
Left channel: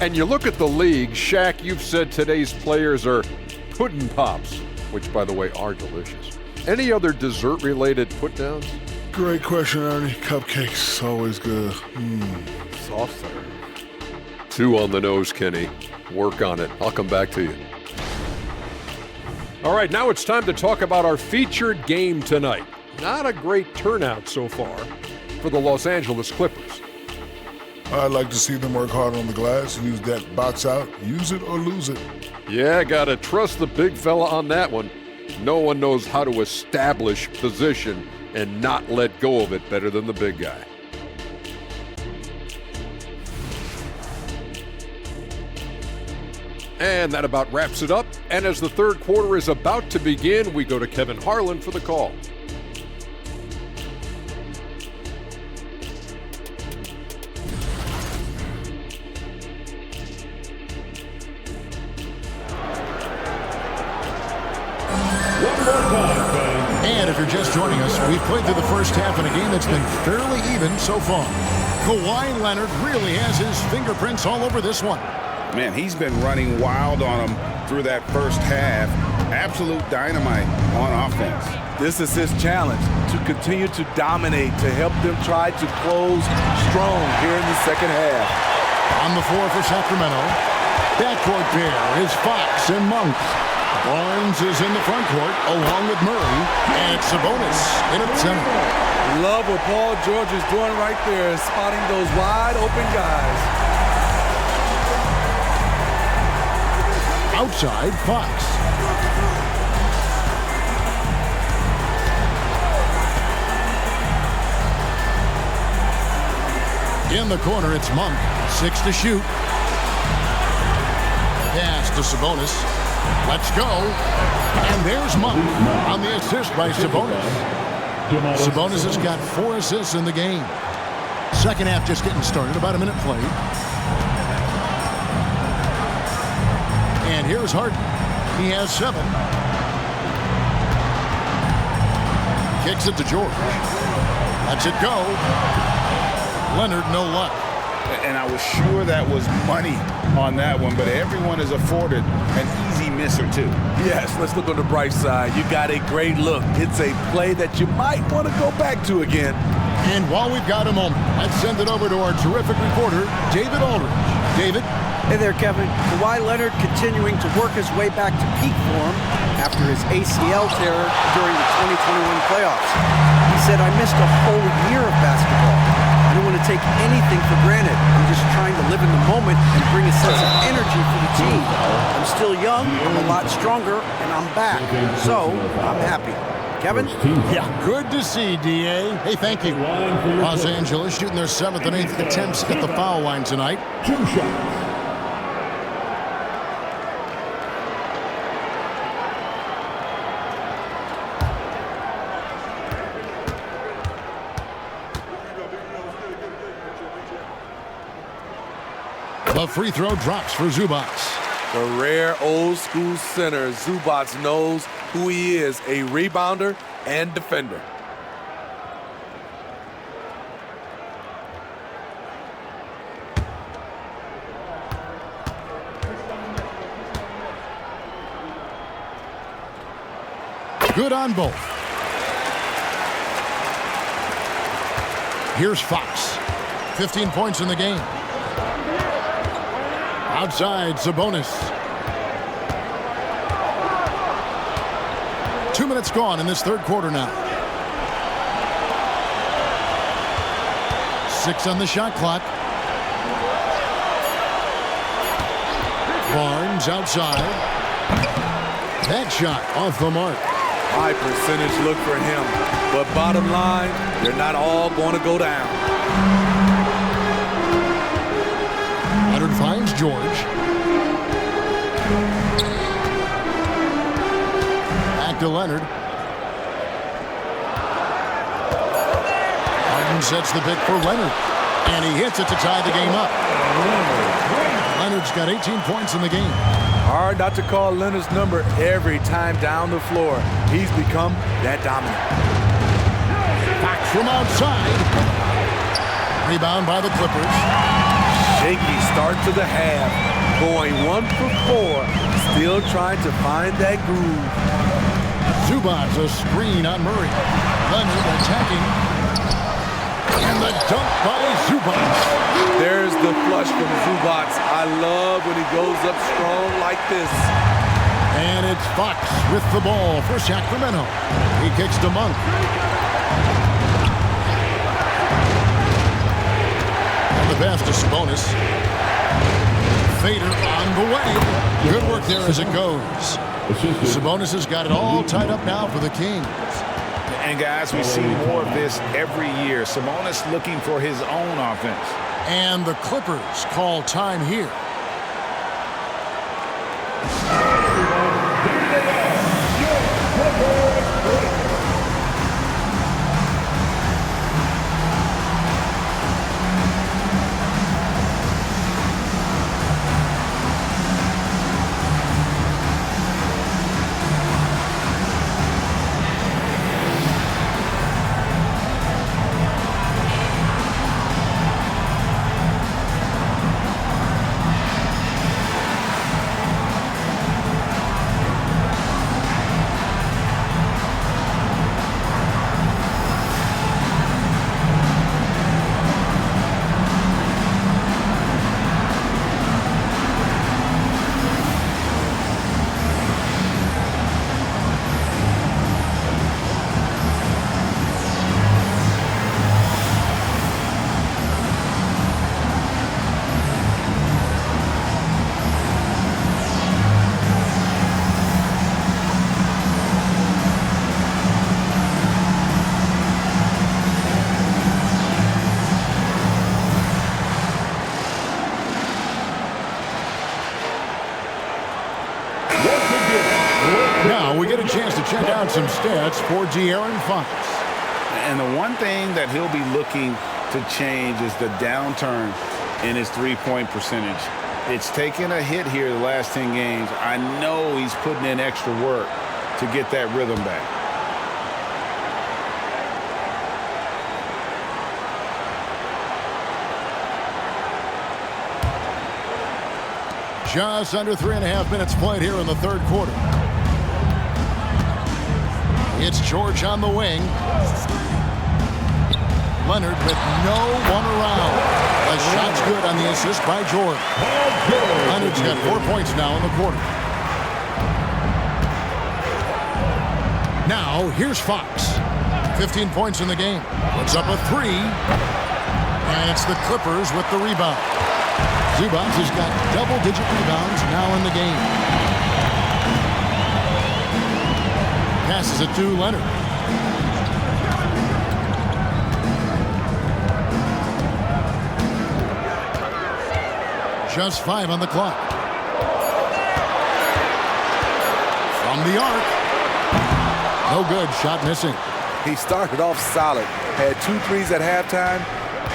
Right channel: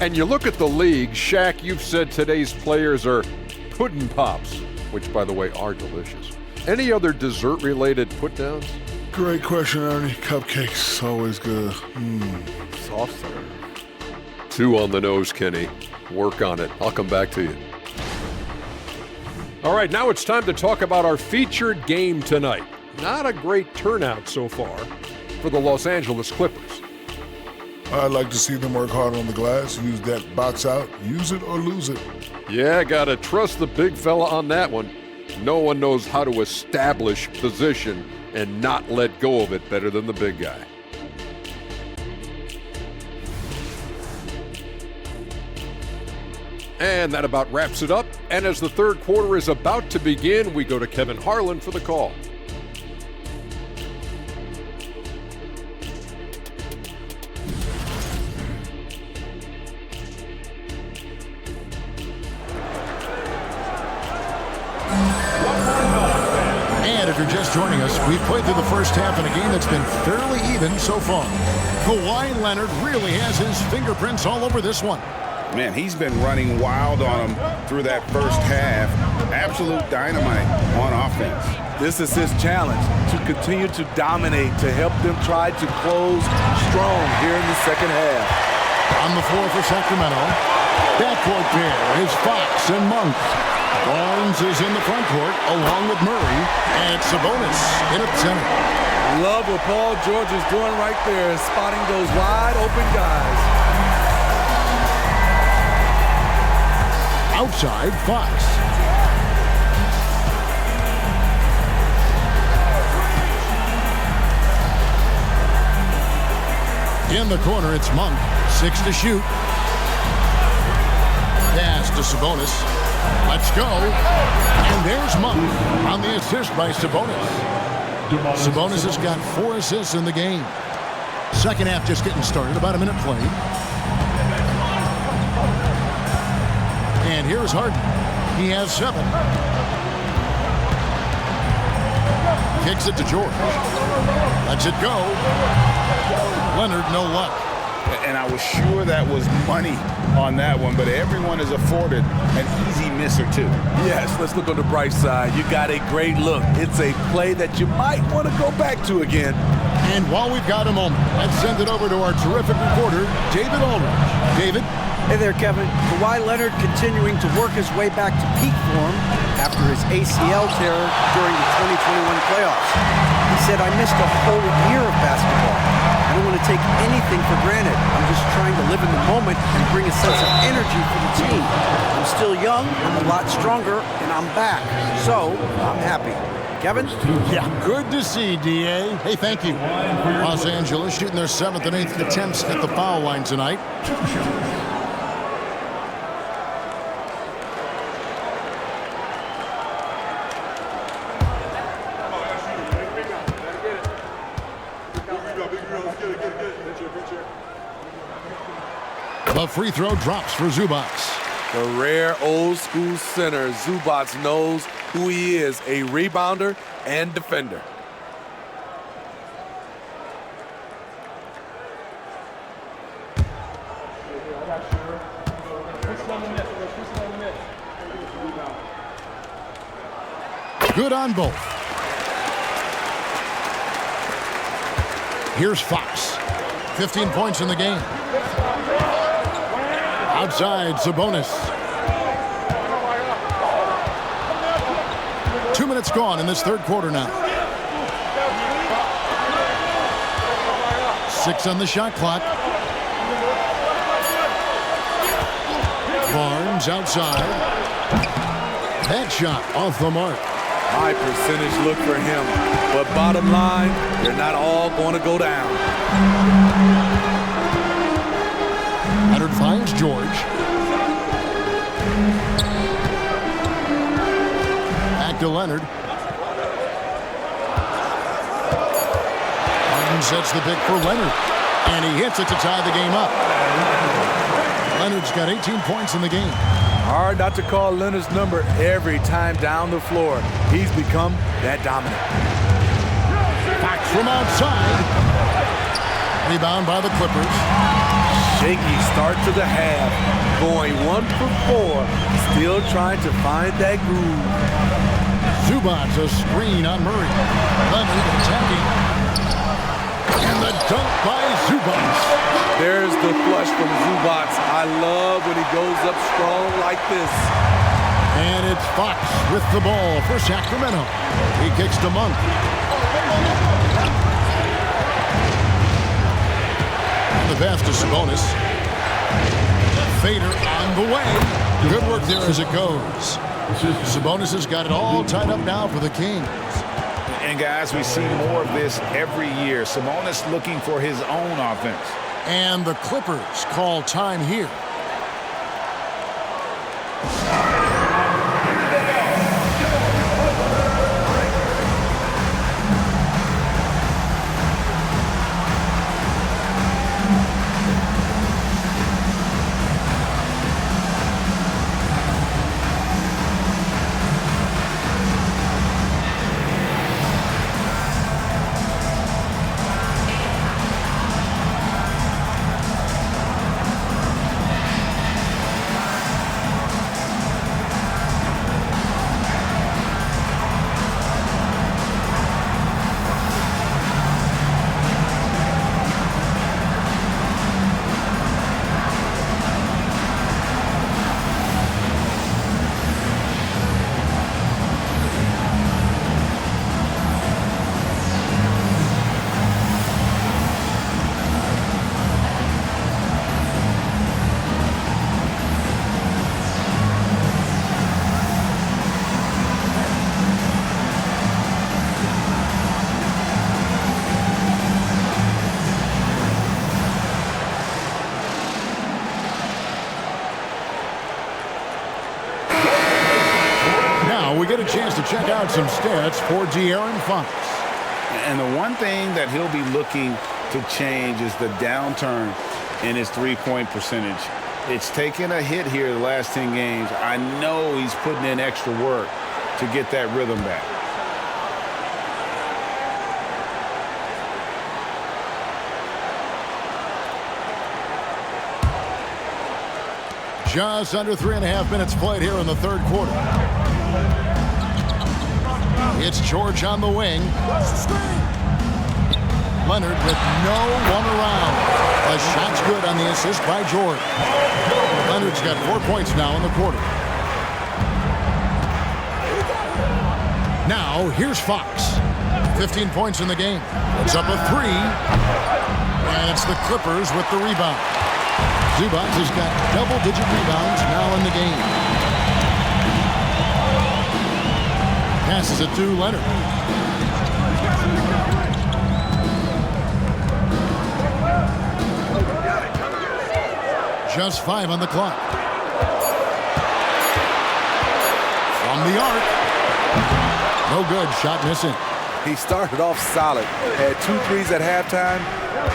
And you look at the league, Shaq, you've said today's players are pudding pops, which, by the way, are delicious. Any other dessert-related put-downs? Great question, Ernie. Cupcakes, always good. Soft serve. 2 on the nose, Kenny. Work on it. I'll come back to you. All right, now it's time to talk about our featured game tonight. Not a great turnout so far for the Los Angeles Clippers. I'd like to see them work hard on the glass, use that box out, use it or lose it. Yeah, gotta trust the big fella on that one. No one knows how to establish position and not let go of it better than the big guy. And that about wraps it up. And as the third quarter is about to begin, we go to Kevin Harlan for the call. And if you're just joining us, we've played through the first half in a game that's been fairly even so far. Kawhi Leonard really has his fingerprints all over this one. Man, he's been running wild on him through that first half. Absolute dynamite on offense. This is his challenge, to continue to dominate, to help them try to close strong here in the second half. On the floor for Sacramento, backcourt pair is Fox and Monk. Barnes is in the front court along with Murray, and it's Sabonis in at center. Love what Paul George is doing right there, spotting those wide open guys. Outside, Fox. In the corner, it's Monk. 6 to shoot. Pass to Sabonis. Let's go. And there's Monk on the assist by Sabonis. Sabonis has got 4 assists in the game. Second half just getting started, about a minute played. And here's Harden. He has 7. Kicks it to George. Lets it go. Leonard, no luck. And I was sure that was money on that one, but everyone is afforded an easy miss or two. Yes, let's look on the bright side. You got a great look. It's a play that you might want to go back to again. And while we've got a moment, let's send it over to our terrific reporter, David Aldridge. David? Hey there, Kevin. Kawhi Leonard continuing to work his way back to peak form after his ACL tear during the 2021 playoffs. He said, I missed a whole year of basketball. I don't want to take anything for granted. I'm just trying to live in the moment and bring a sense of energy for the team. I'm still young, I'm a lot stronger, and I'm back. So, I'm happy. Kevin? Yeah, good to see, D.A. Hey, thank you. Los Angeles shooting their 7th and 8th attempts at the foul line tonight. 2 shots. The free throw drops for Zubac. The rare old school center, Zubac, knows who he is, a rebounder and defender. Good on both. Here's Fox. 15 points in the game. Outside, Sabonis. 2 minutes gone in this third quarter now. 6 on the shot clock. Barnes outside. That shot off the mark. High percentage look for him. But bottom line, they're not all going to go down. Leonard finds George. Back to Leonard. Harden sets the pick for Leonard. And he hits it to tie the game up. Leonard's got 18 points in the game. Hard not to call Leonard's number every time down the floor. He's become that dominant. Fox from outside. Rebound by the Clippers. Shaky start to the half. Going 1 for 4. Still trying to find that groove. Zubac's a screen on Murray. Leonard attacking. And the dunk by Zubac. There's the flush from Zubac. I love when he goes up strong like this. And it's Fox with the ball for Sacramento. He kicks to Monk. And the pass to Sabonis. Fader on the way. Good work there as it goes. Sabonis has got it all tied up now for the Kings. And guys, we see more of this every year. Sabonis looking for his own offense. And the Clippers call time here. Now we get a chance to check out some stats for De'Aaron Fox. And the one thing that he'll be looking to change is the downturn in his three-point percentage. It's taken a hit here the last 10 games. I know he's putting in extra work to get that rhythm back. Just under 3.5 minutes played here in the third quarter. It's George on the wing. Leonard with no one around. A shot's good on the assist by George. Leonard's got 4 points now in the quarter. Now, here's Fox. 15 points in the game. Puts up a three. And it's the Clippers with the rebound. Zubac has got double-digit rebounds now in the game. Passes it to Leonard. Just 5 on the clock. From the arc. No good. Shot missing. He started off solid. Had 2 threes at halftime,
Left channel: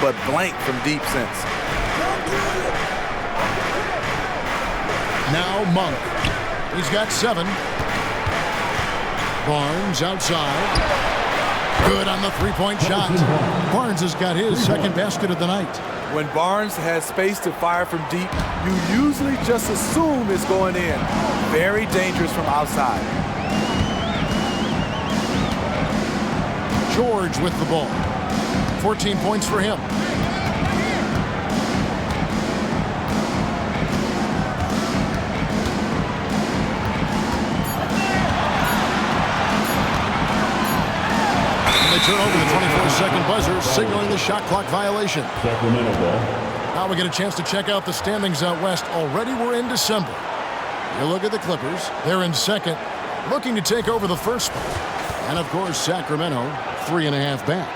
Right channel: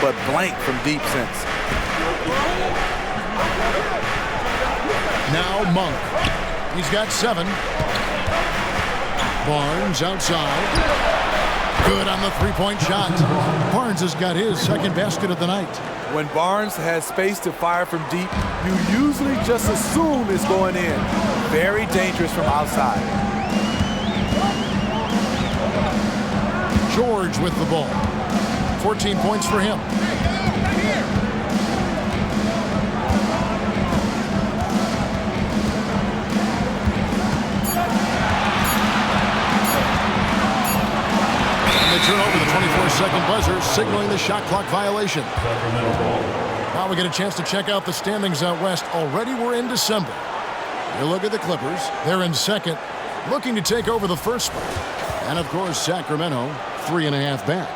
but blank from deep since. Now Monk. He's got 7. Barnes outside. Good on the three-point shot. Barnes has got his second basket of the night. When Barnes has space to fire from deep, you usually just assume it's going in. Very dangerous from outside. George with the ball. 14 points for him. They turn over the 24-second buzzer, signaling the shot clock violation. Now we get a chance to check out the standings out west. Already we're in December. You look at the Clippers. They're in second, looking to take over the first spot. And, of course, Sacramento, 3.5 back.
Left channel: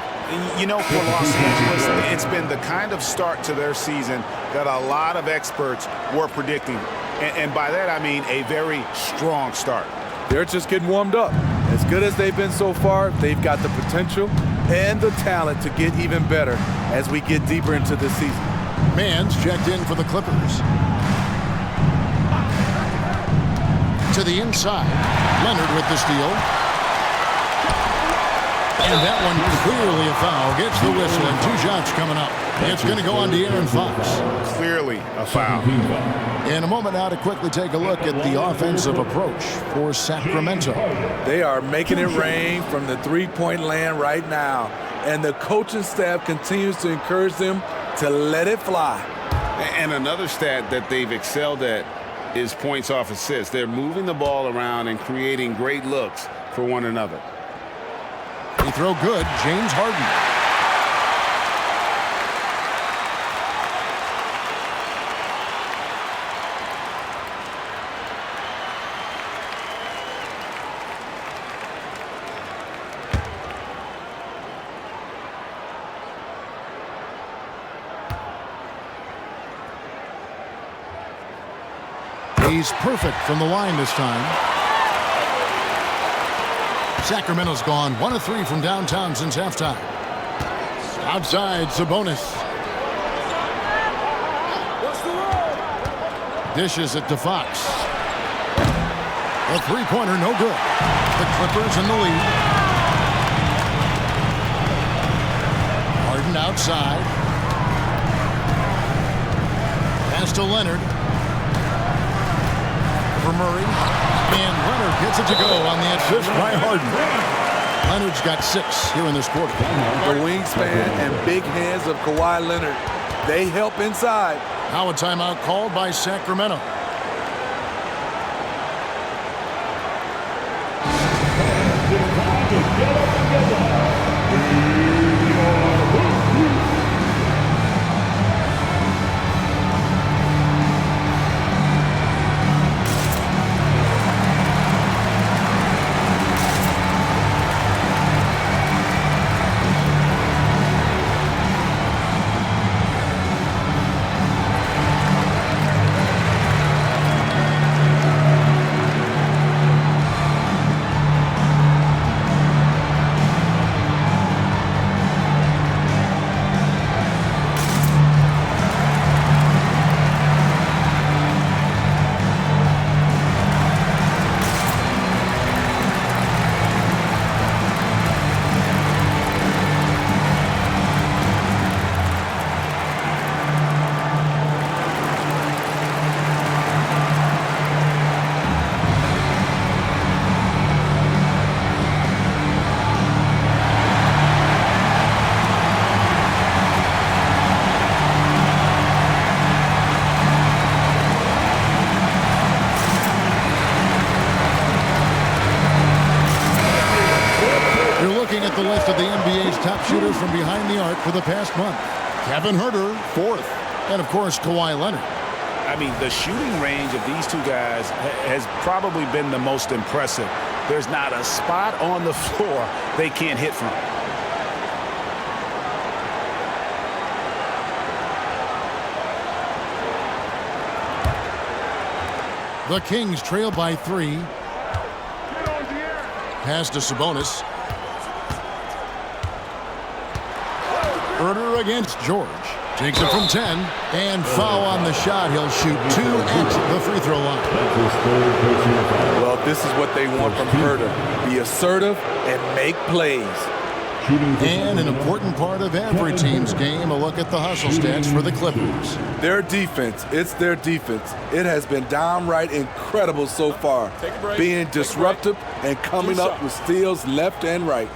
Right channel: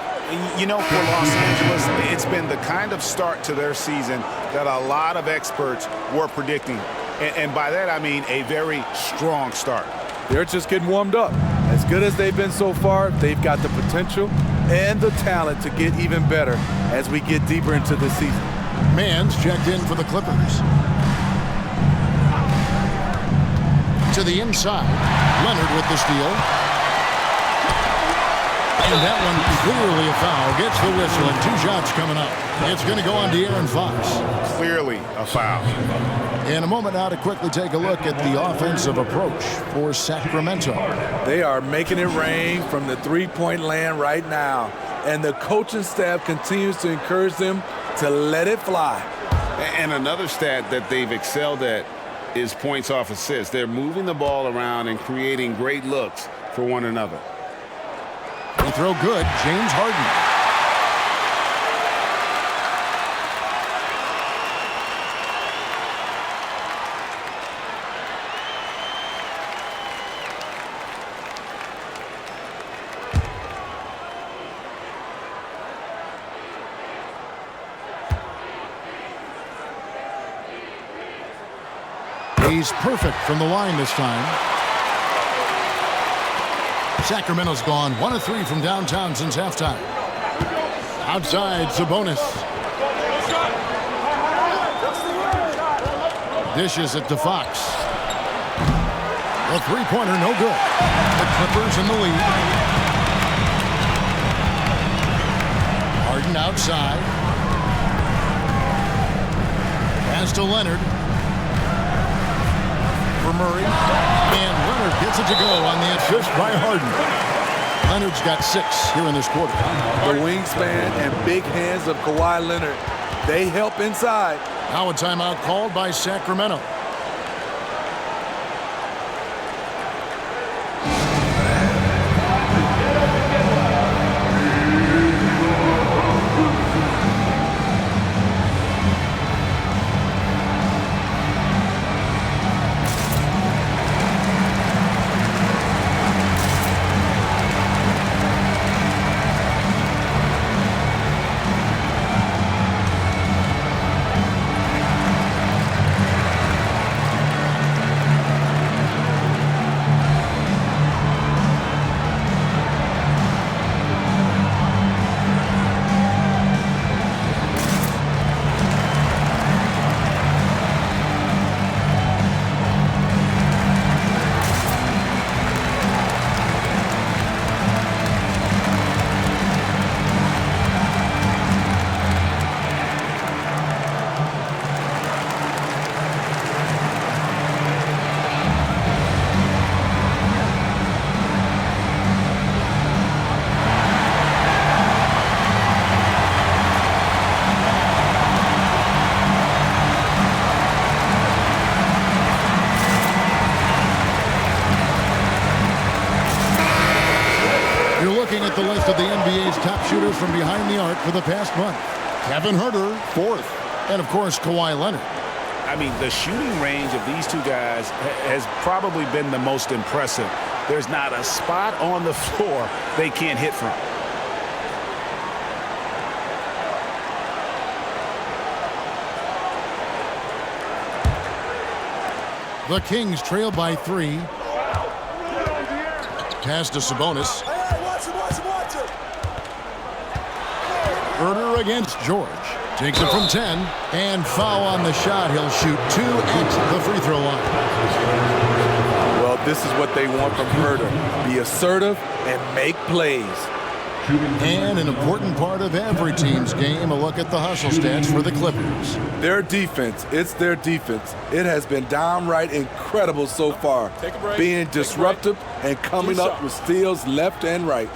You know, for Los Angeles, it's been the kind of start to their season that a lot of experts were predicting. And by that, I mean a very strong start. They're just getting warmed up. As good as they've been so far, they've got the potential and the talent to get even better as we get deeper into this season. Mann's checked in for the Clippers. To the inside. Leonard with the steal. And that one clearly a foul. Gets the whistle, and 2 shots coming up. It's going to go on to Aaron Fox. Clearly a foul. In a moment now to quickly take a look at the offensive approach for Sacramento. They are making it rain from the three-point land right now. And the coaching staff continues to encourage them to let it fly. And another stat that they've excelled at is points off assists. They're moving the ball around and creating great looks for one another. Free throw good, James Harden. He's perfect from the line this time. Sacramento's gone 1 of 3 from downtown since halftime. Outside, Sabonis. Dishes it to Fox. The three-pointer, no good. The Clippers in the lead. Harden outside. Pass to Leonard. For Murray, and Leonard gets it to go on the assist by Harden. Leonard's got 6 here in this quarter. The wingspan and big hands of Kawhi Leonard, they help inside. Now a timeout called by Sacramento. You're looking at the list of the NBA's top shooters from behind the arc for the past month. Kevin Huerter, 4th. And, of course, Kawhi Leonard. I mean, the shooting range of these two guys has probably been the most impressive. There's not a spot on the floor they can't hit from. The Kings trail by 3. Pass to Sabonis. Huerter against George. Takes it from 10. And foul on the shot. He'll shoot 2 at the free throw line. Well, this is what they want from Huerter. Be assertive and make plays. And an important part of every team's game, a look at the hustle stats for the Clippers. Their defense, it's their defense. It has been downright incredible so far. Being disruptive and coming up with steals left and right.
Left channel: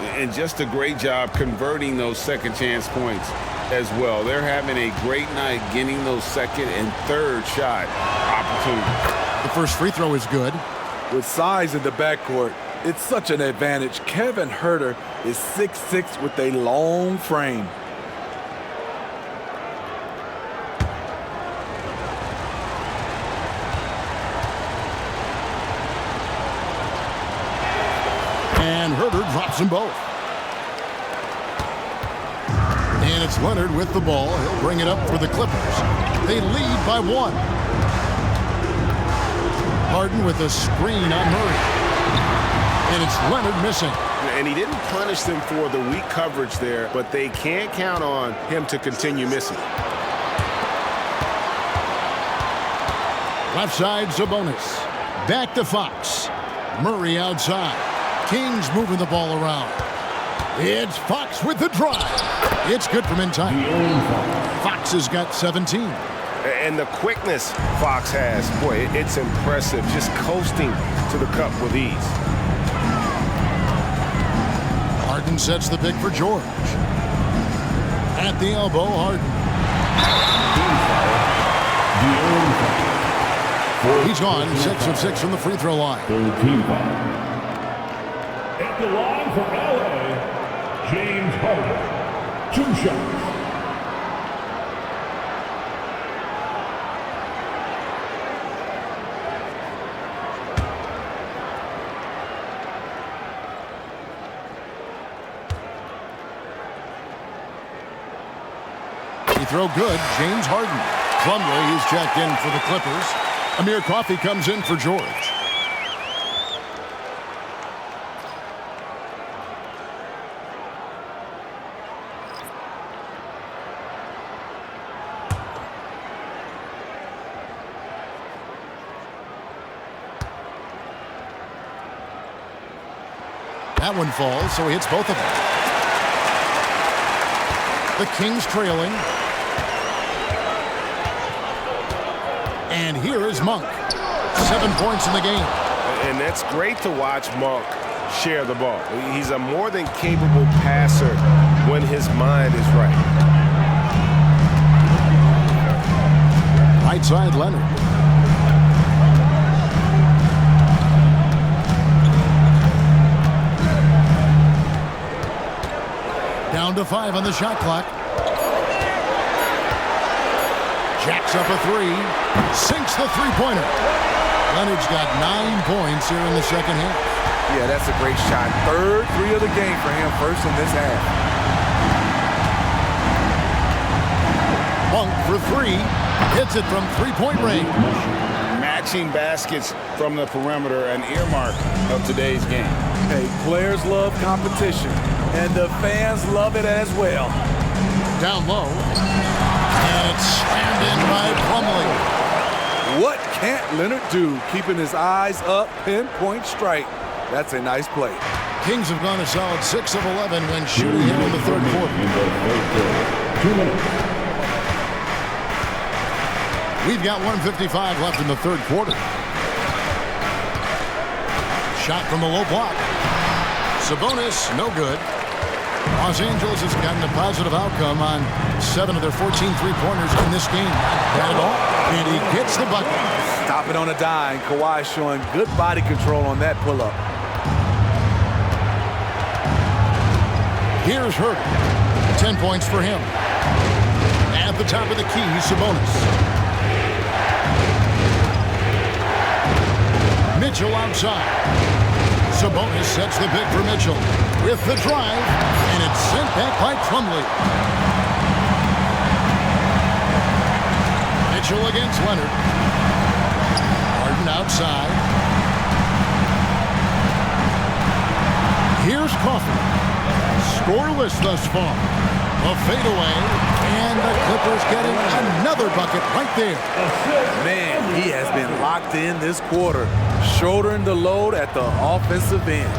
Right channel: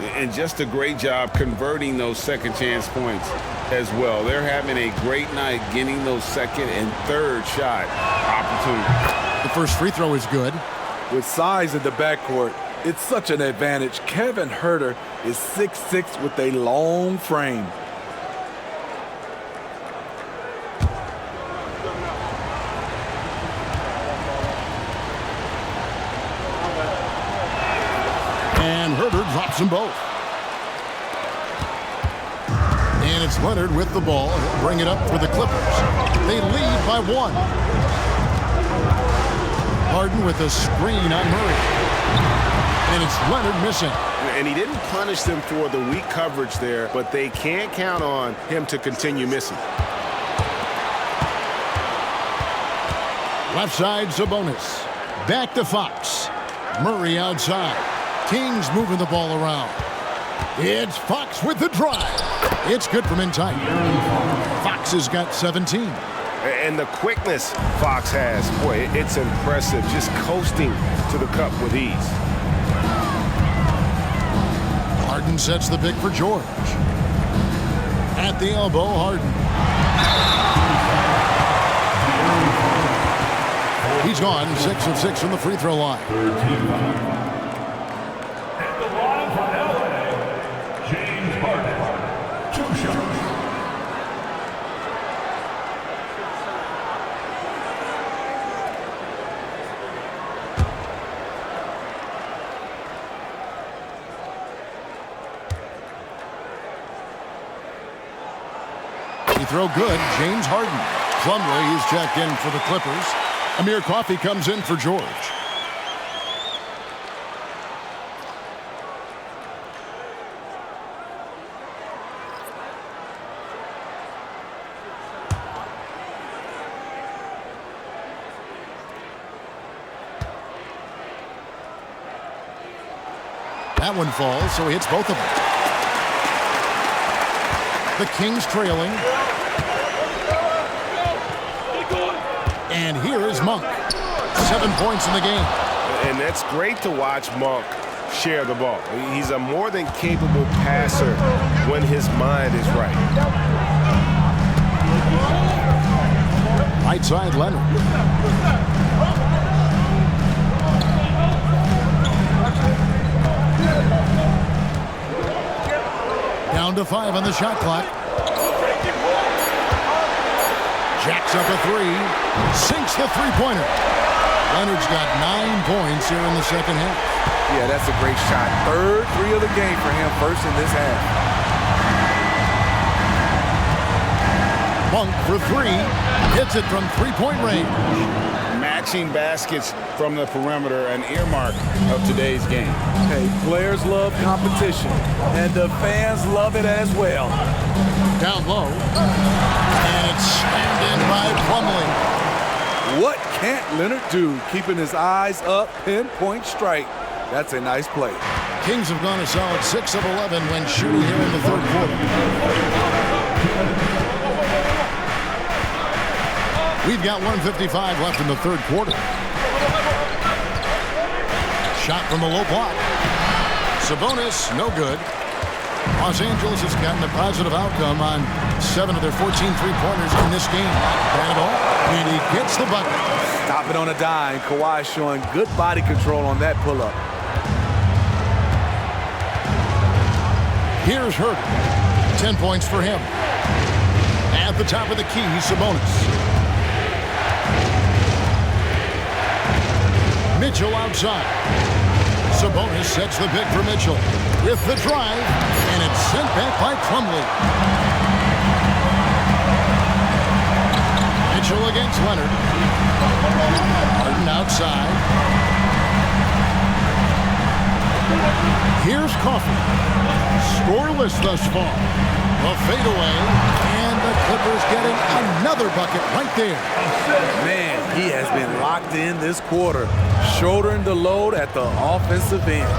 And just a great job converting those second chance points as well. They're having a great night getting those second and third shot opportunities. The first free throw is good. With size in the backcourt, it's such an advantage. Kevin Huerter is 6'6" with a long frame. And Huerter drops them both. And it's Leonard with the ball. He'll bring it up for the Clippers. They lead by 1. Harden with a screen on Murray. And it's Leonard missing. And he didn't punish them for the weak coverage there, but they can't count on him to continue missing. Left side, Sabonis. Back to Fox. Murray outside. Kings moving the ball around. It's Fox with the drive. It's good from in tight. Fox has got 17. And the quickness Fox has, boy, it's impressive. Just coasting to the cup with ease. Harden sets the pick for George. At the elbow, Harden. He's gone 6 of 6 from the free throw line. At the line for LA, James Harden. 2 shots. He throw good, James Harden. Plumlee is checked in for the Clippers. Amir Coffey comes in for George. That one falls, so he hits both of them. The Kings trailing. And here is Monk. 7 points in the game. And that's great to watch Monk share the ball. He's a more than capable passer when his mind is right. Right side, Leonard. Down to 5 on the shot clock. Jacks up a 3. Sinks the three-pointer. Leonard's got 9 points here in the second half. Yeah, that's a great shot. Third 3 of the game for him, first in this half. Monk for 3. Hits it from three-point range. Matching baskets from the perimeter, an earmark of today's game. Hey, players love competition, and the fans love it as well. Down low. And it's slammed in by Plumlee. What can't Leonard do? Keeping his eyes up, pinpoint strike. That's a nice play. Kings have gone a solid 6 of 11 when shooting here in the third quarter. We've got 1:55 left in the third quarter. Shot from the low block. Sabonis, no good. Los Angeles has gotten a positive outcome on 7 of their 14 three-pointers in this game. Not bad at all. And he gets the bucket. Stop it on a dime. Kawhi showing good body control on that pull-up. Here's Herter. 10 points for him. At the top of the key, Sabonis. Mitchell outside. Sabonis sets the pick for Mitchell. With the drive, and it's sent back by Plumlee. Mitchell against Leonard. Harden outside. Here's Coffey. Scoreless thus far. A fadeaway, and the Clippers getting another bucket right there. Man, he has been locked in this quarter, shouldering the load at the offensive end.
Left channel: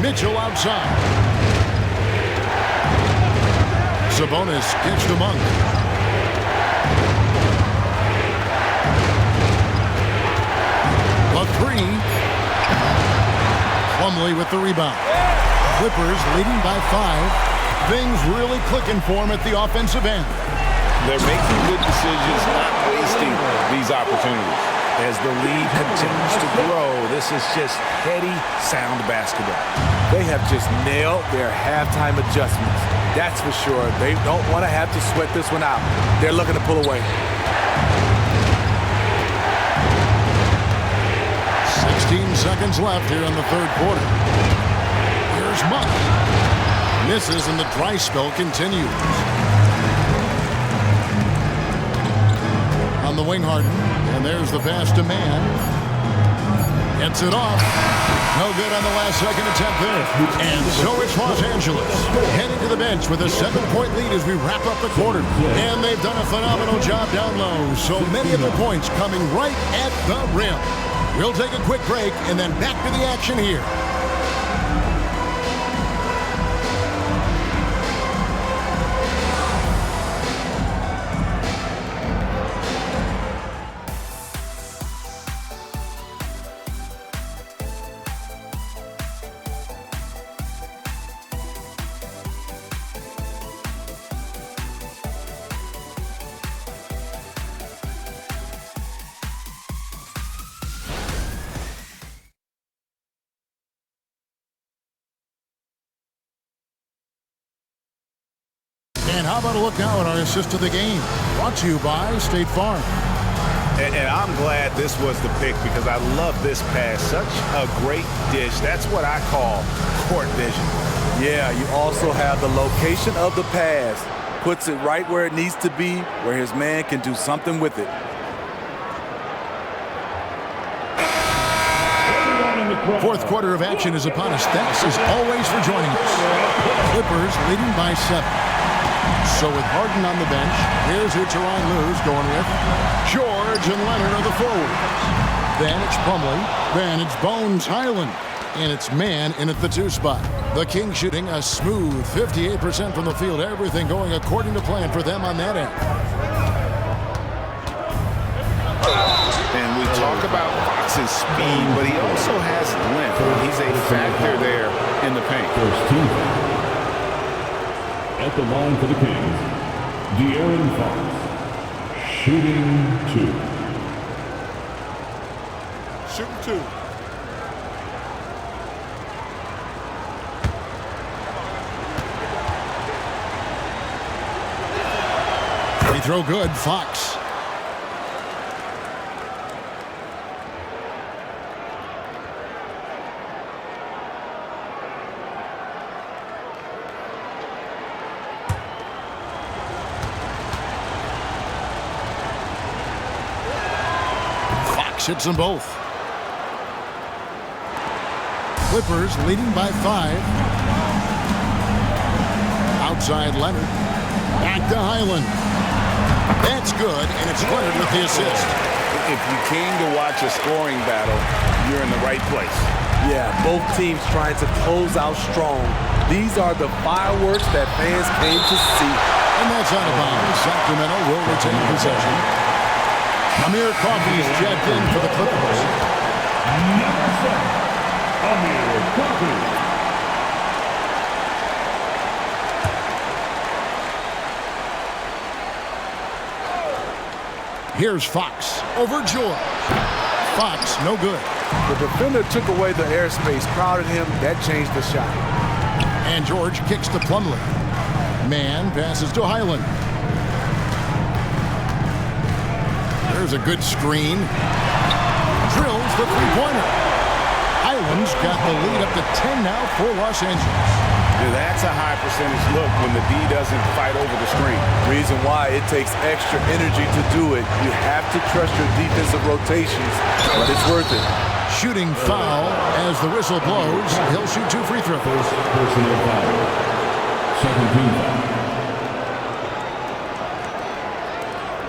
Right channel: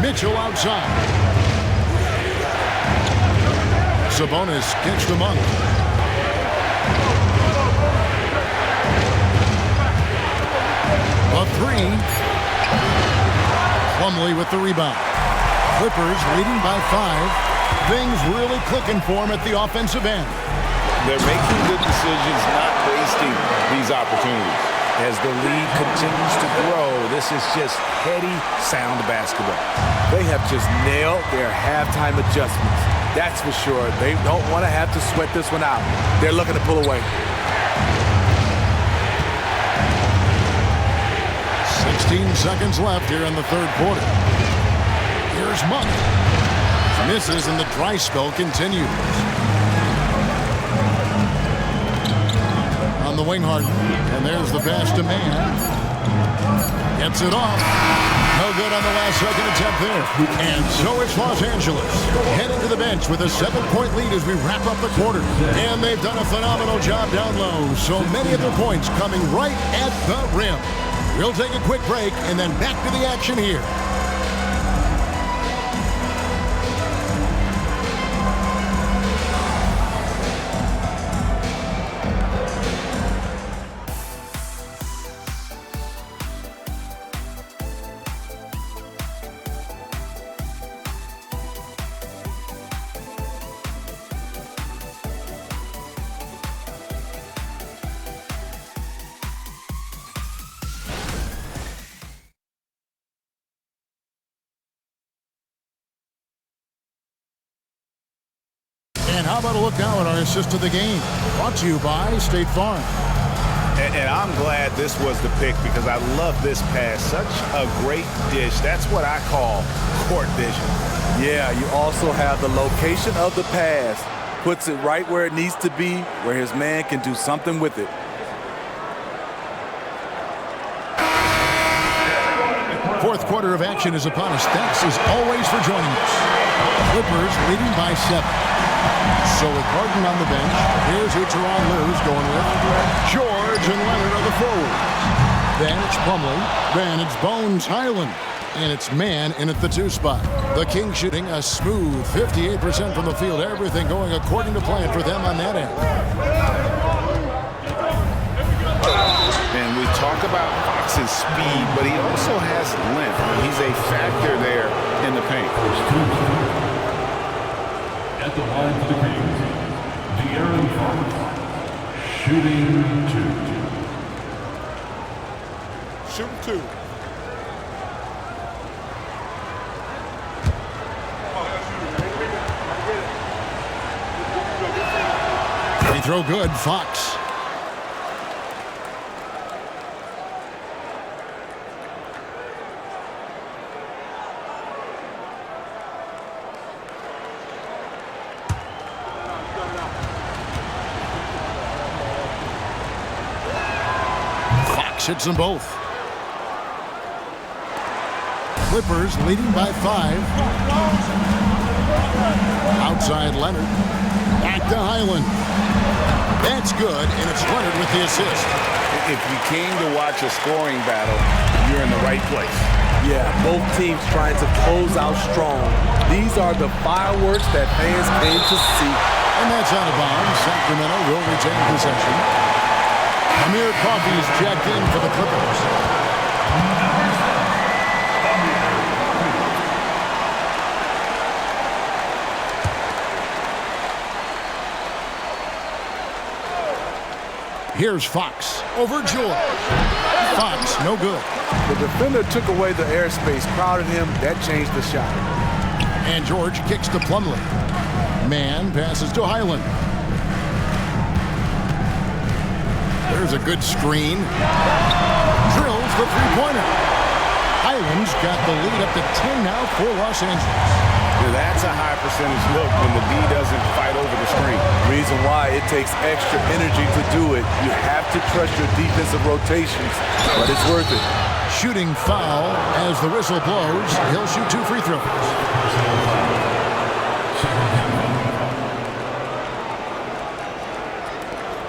Mitchell outside. Sabonis kicks to Monk. A 3. Plumlee with the rebound. Clippers leading by 5. Things really clicking for him at the offensive end. They're making good decisions, not wasting these opportunities. As the lead continues to grow, this is just heady, sound basketball. They have just nailed their halftime adjustments. That's for sure. They don't want to have to sweat this one out. They're looking to pull away. 16 seconds left here in the third quarter. Here's Monk. Misses and the dry spell continues. On the wing, Harden. And there's the pass to Man. Gets it off. No good on the last second attempt there. And so it's Los Angeles heading to the bench with a 7-point lead as we wrap up the quarter. And they've done a phenomenal job down low. So many of their points coming right at the rim. We'll take a quick break and then back to the action here. And how about a look now at our assist of the game? Brought to you by State Farm. And I'm glad this was the pick because I love this pass. Such a great dish. That's what I call court vision. Yeah, you also have the location of the pass. Puts it right where it needs to be, where his man can do something with it. Fourth quarter of action is upon us. Thanks as always for joining us. Clippers leading by 7. So with Harden on the bench, here's who Tyronn Lue's going with. George and Leonard are the forwards. Then it's Plumlee. Then it's Bones Highland. And it's Man in at the 2 spot. The Kings shooting a smooth 58% from the field. Everything going according to plan for them on that end. And we talk about Fox's speed, but he also has length. He's a factor there in the paint. At the line for the Kings, De'Aaron Fox, shooting 2. Shooting 2. Free throw good, Fox. Hits them both. Clippers leading by 5. Outside Leonard. Back to Highland. That's good, and it's Leonard with the assist. If you came to watch a scoring battle, you're in the right place. Yeah, both teams trying to close out strong. These are the fireworks that fans came to see. And that's out of bounds. Sacramento will retain possession. Amir Coffey's checked in for the Clippers. Number 7, Amir Coffey. Here's Fox over George. Fox, no good. The defender took away the airspace, crowded him. That changed the shot. And George kicks to Plumlee. Man passes to Highland. There's a good screen. Drills the three-pointer. Highland's got the lead up to 10 now for Los Angeles. Yeah, that's a high percentage look when the D doesn't fight over the screen. Reason why it takes extra energy to do it. You have to trust your defensive rotations, but it's worth it. Shooting foul as the whistle blows. He'll shoot 2 free throws. Personal foul. Second team foul.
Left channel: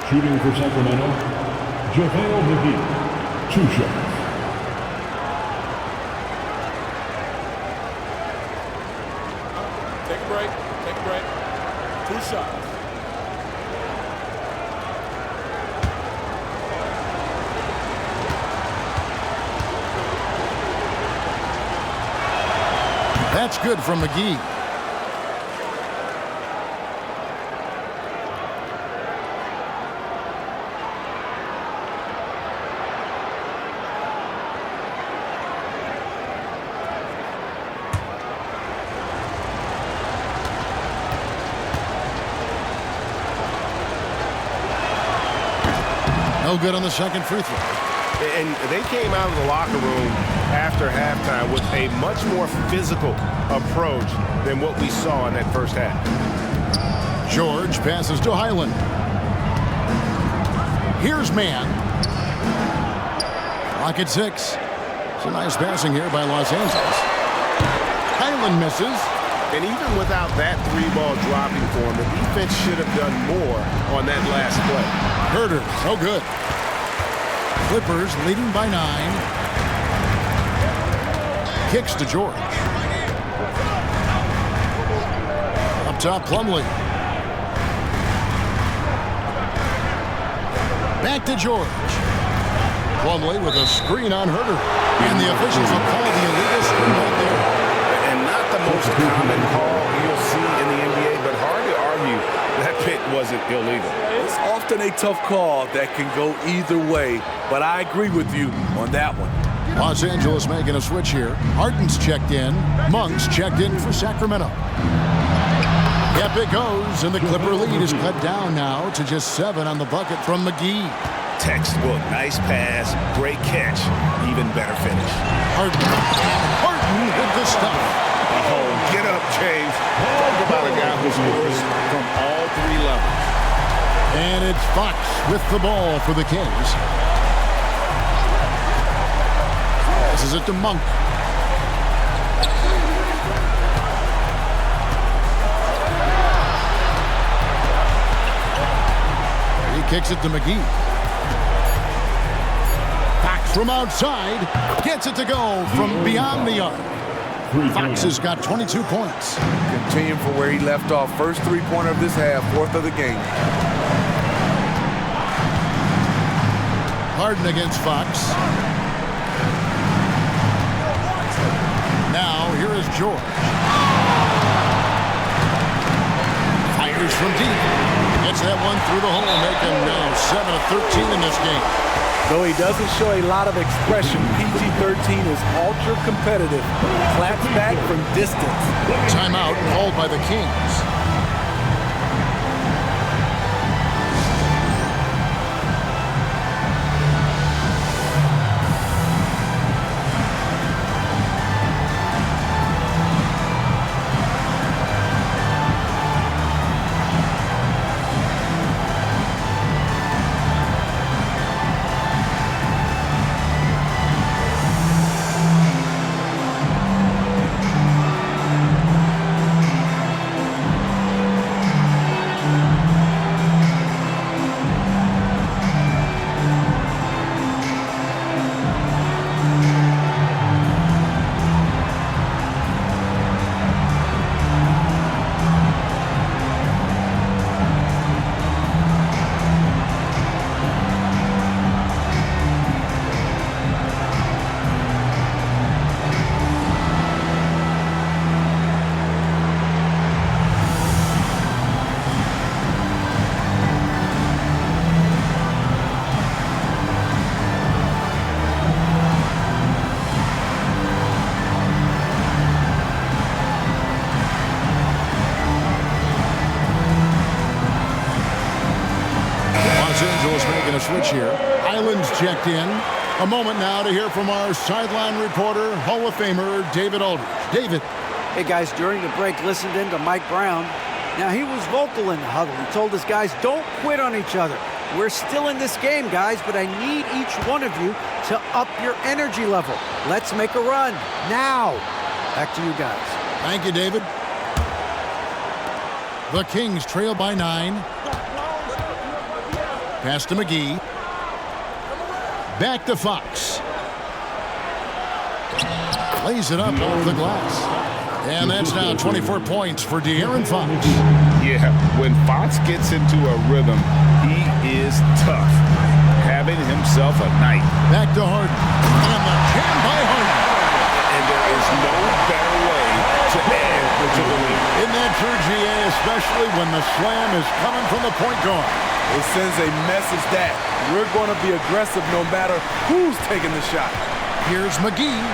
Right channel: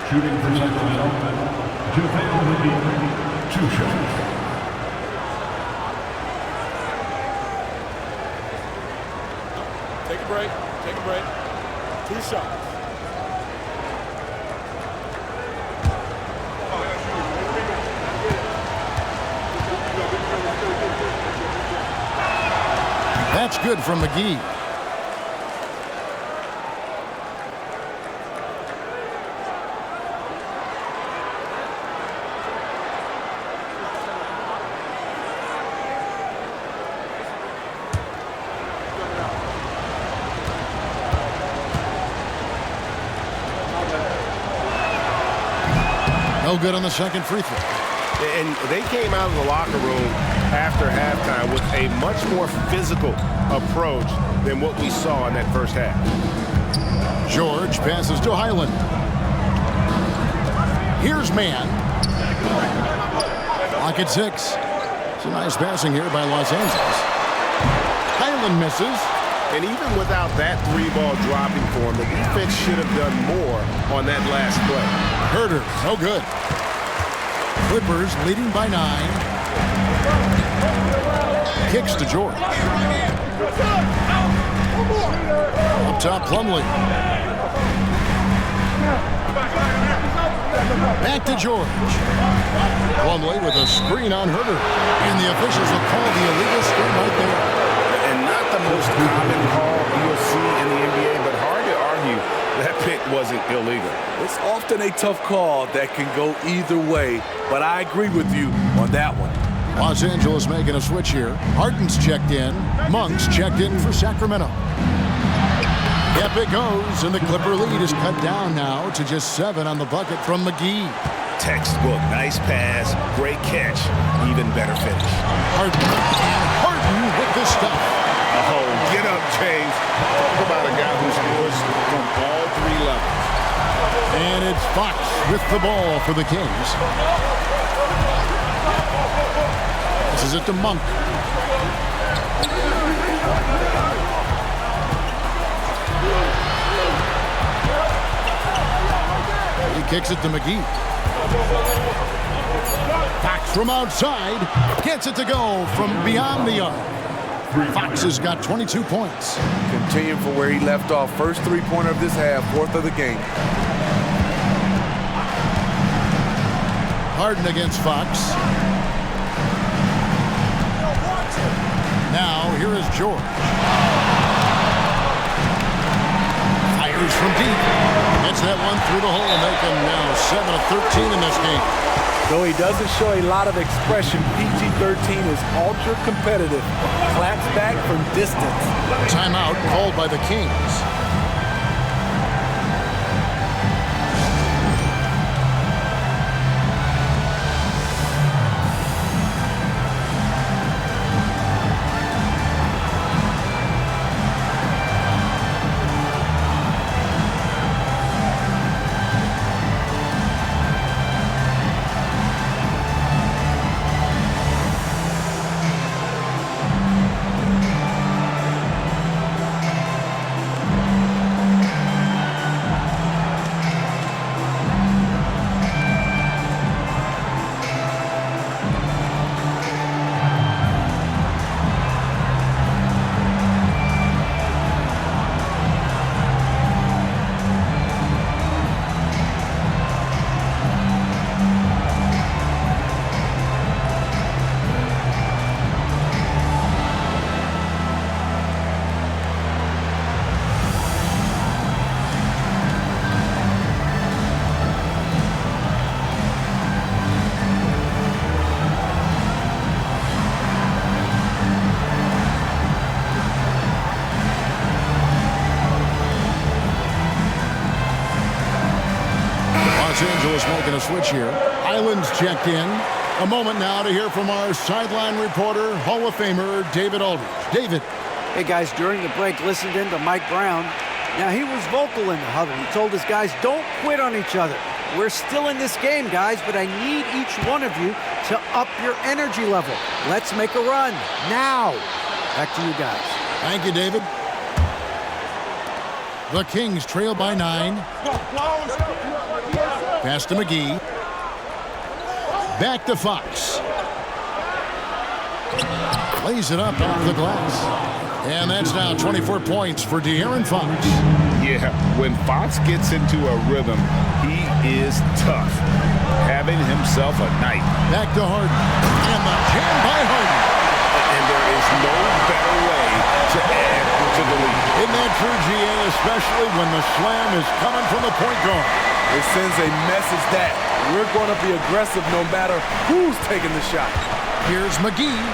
Shooting for Sacramento, JaVale McGee, 2 shots. Take a break. Take a break. 2 shots. That's good from McGee. No good on the second free throw. And they came out of the locker room after halftime with a much more physical approach than what we saw in that first half. George passes to Highland. Here's Man. Clock at 6. It's a nice passing here by Los Angeles. Highland misses. And even without that 3-ball dropping for him, the defense should have done more on that last play. Herter, no good. Clippers leading by 9. kicks to George. Up top, Plumlee. Back to George. Plumlee with a screen on Herter. And the officials will call the illegal screen right there. And not the most common call you'll see in the NBA, but hard to argue that pick wasn't illegal. It's often a tough call that can go either way, but I agree with you on that one. Los Angeles making a switch here. Harden's checked in. Monk's checked in for Sacramento. Yep, it goes, and the Clipper lead is cut down now to just 7 on the bucket from McGee. Textbook, nice pass, great catch, even better finish. Harden, and Harden with the stuff. Oh, get up, James. Talk about a guy who scores from all 3 levels. And it's Fox with the ball for the Kings. Passes it to Monk. He kicks it to McGee. Fox from outside gets it to go from beyond the arc. Fox has got 22 points. Continuing from where he left off. First three-pointer of this half, 4th of the game. Harden against Fox. Now here is George. Fires from deep. Gets that one through the hole, making now 7 of 13 in this game. Though he doesn't show a lot of expression, PG-13 is ultra-competitive. Claps back from distance. Timeout called by the Kings. Los Angeles making a switch here. Island's checked in. A moment now to hear from our sideline reporter, Hall of Famer David Aldridge. David. Hey, guys, during the break, listened in to Mike Brown. Now, he was vocal in the huddle. He told his guys, don't quit on each other. We're still in this game, guys, but I need each one of you to up your energy level. Let's make a run now. Back to you guys. Thank you, David. The Kings trail by 9. Pass to McGee. Back to Fox. Lays it up off the glass. And that's now 24 points for De'Aaron Fox. Yeah, when Fox gets into a rhythm, he is tough. Having himself a night. Back to Harden. And the jam by Harden. And there is no better way to add to the lead. Isn't that true, GA? Especially when the slam is coming from the point guard. It sends a message that we're going to be aggressive no matter who's taking the shot. Here's McGee.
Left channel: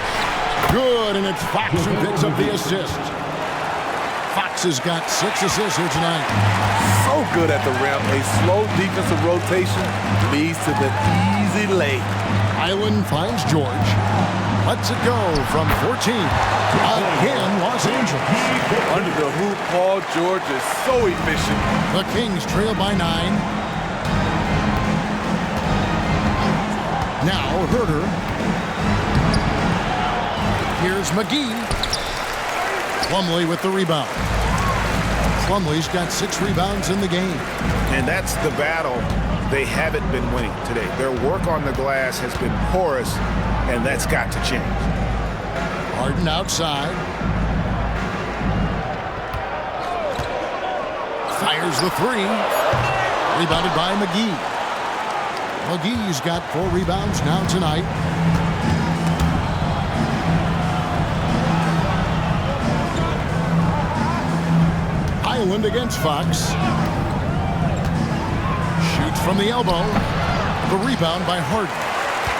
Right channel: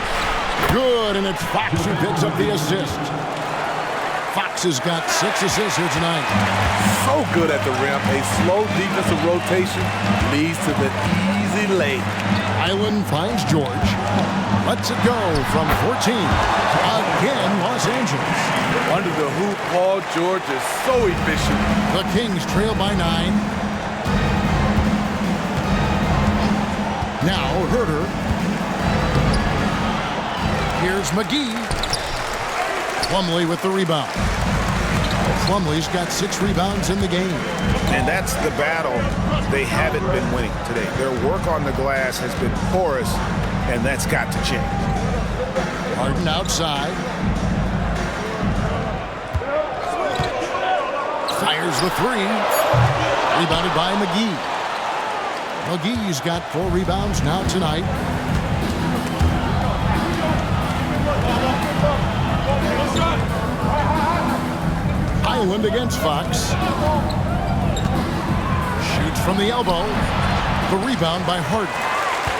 Good, and it's Fox who picks up the assist. Fox has got 6 assists here tonight. So good at the rim. A slow defensive rotation leads to the easy lay. Island finds George. Lets it go from 14. Again, Los Angeles. Under the hoop, Paul George is so efficient. The Kings trail by 9. Now Herter. Here's McGee. Plumlee with the rebound. Plumlee's got 6 rebounds in the game. And that's the battle they haven't been winning today. Their work on the glass has been porous, and that's got to change. Harden outside. Fires the three. Rebounded by McGee. McGee's got 4 rebounds now tonight. Highland against Fox. Shoots from the elbow. The rebound by Harden.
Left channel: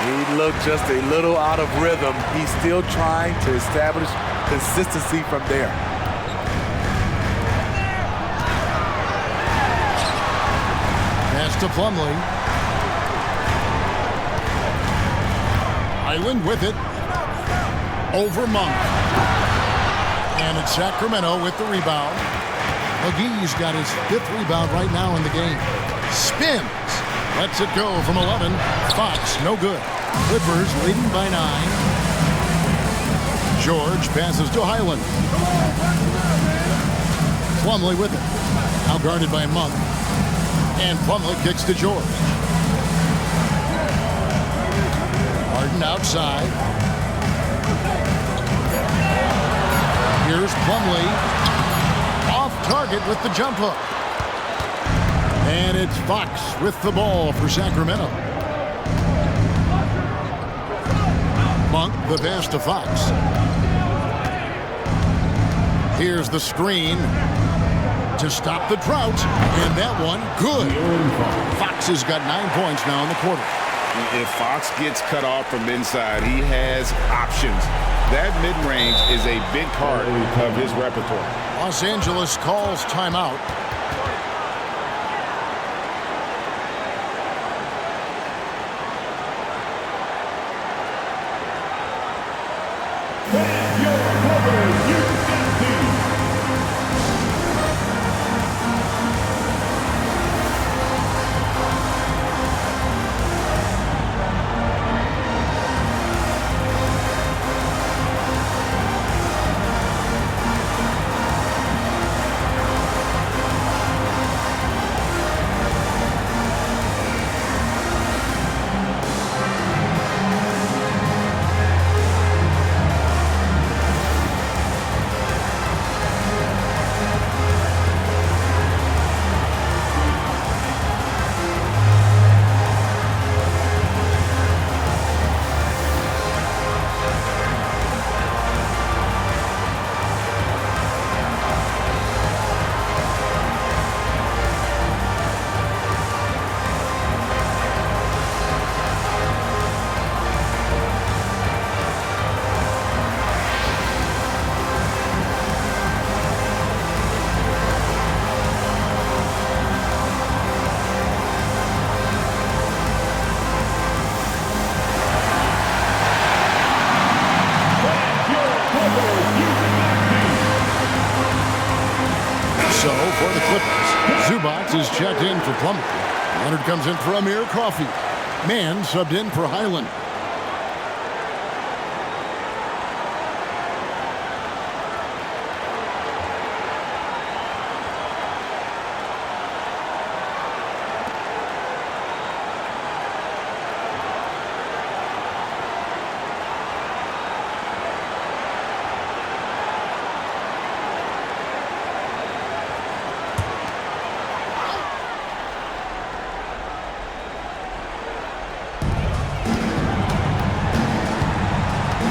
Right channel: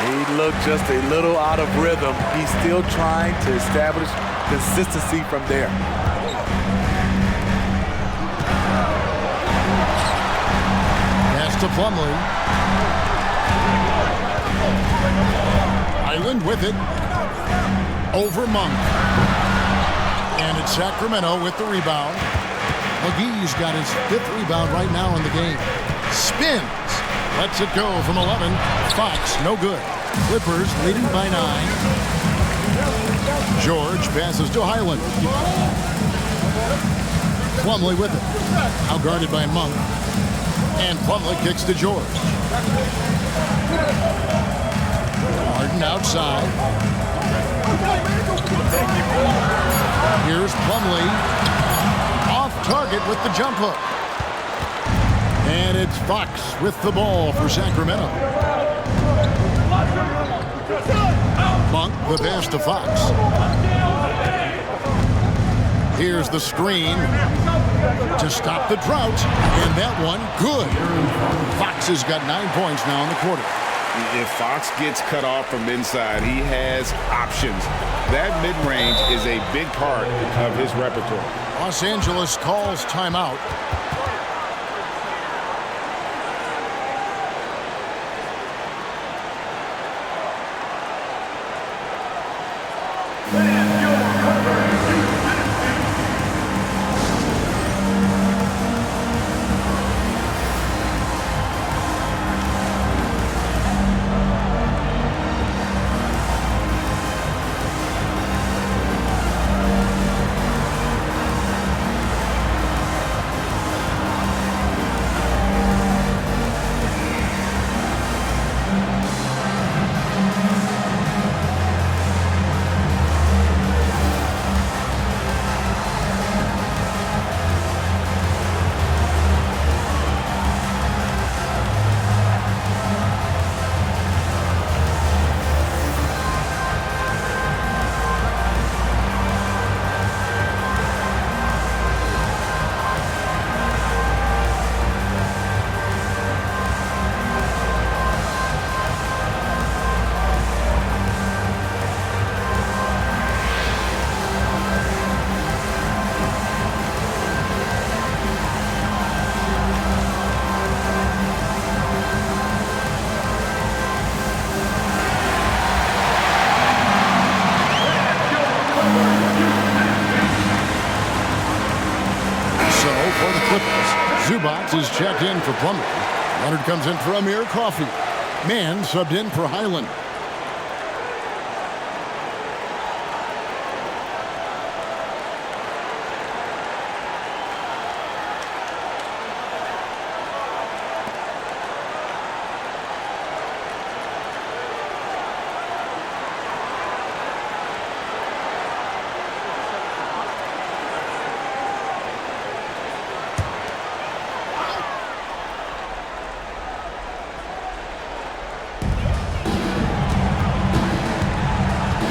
He looked just a little out of rhythm. He's still trying to establish consistency from there. Pass to Plumlee. Highland with it. Over Monk. And it's Sacramento with the rebound. McGee's got his 5th rebound right now in the game. Spins. Lets it go from 11. Fox, no good. Clippers leading by 9. George passes to Highland. Plumlee with it. Now guarded by Monk. And Plumlee kicks to George. Harden outside. Here's Plumlee. Off target with the jump hook. And it's Fox with the ball for Sacramento. Monk, the pass to Fox. Here's the screen to stop the drought. And that one, good. Fox has got 9 points now in the quarter. If Fox gets cut off from inside, he has options. That mid-range is a big part of his repertoire. Los Angeles calls timeout. So for the Clippers, Zubac is checked in for Plumlee. Leonard comes in for Amir Coffey. Mann subbed in for Highland.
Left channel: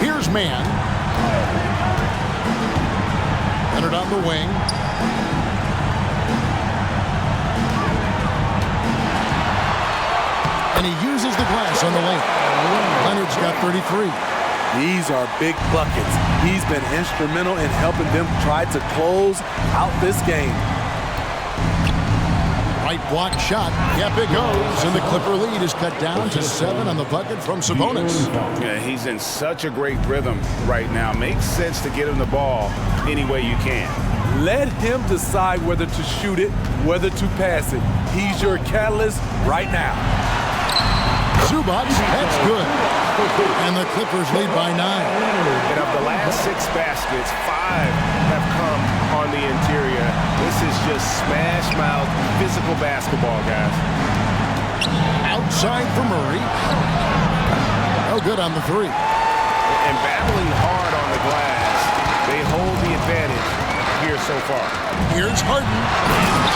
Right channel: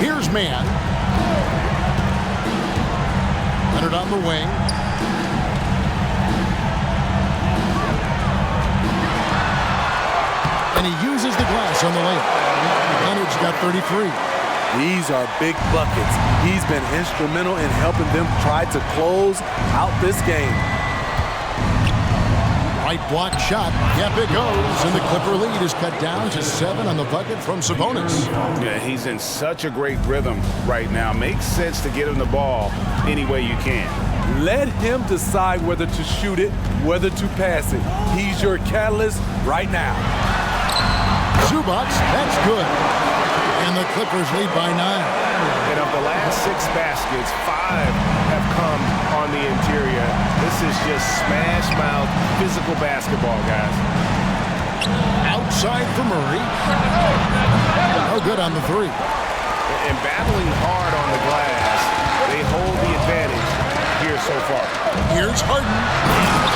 Here's Mann. Leonard on the wing. And he uses the glass on the layup. Leonard's got 33. These are big buckets. He's been instrumental in helping them try to close out this game. Right block shot. Yep, it goes. And the Clipper lead is cut down to 7 on the bucket from Sabonis. Yeah, he's in such a great rhythm right now. Makes sense to get him the ball any way you can. Let him decide whether to shoot it, whether to pass it. He's your catalyst right now. Zubac, that's good. And the Clippers lead by 9. And of the last 6 baskets, 5 have come on the interior. This is just smash-mouth physical basketball, guys. Outside for Murray. No good on the 3. and battling hard on the glass. They hold the advantage here so far. Here's Harden.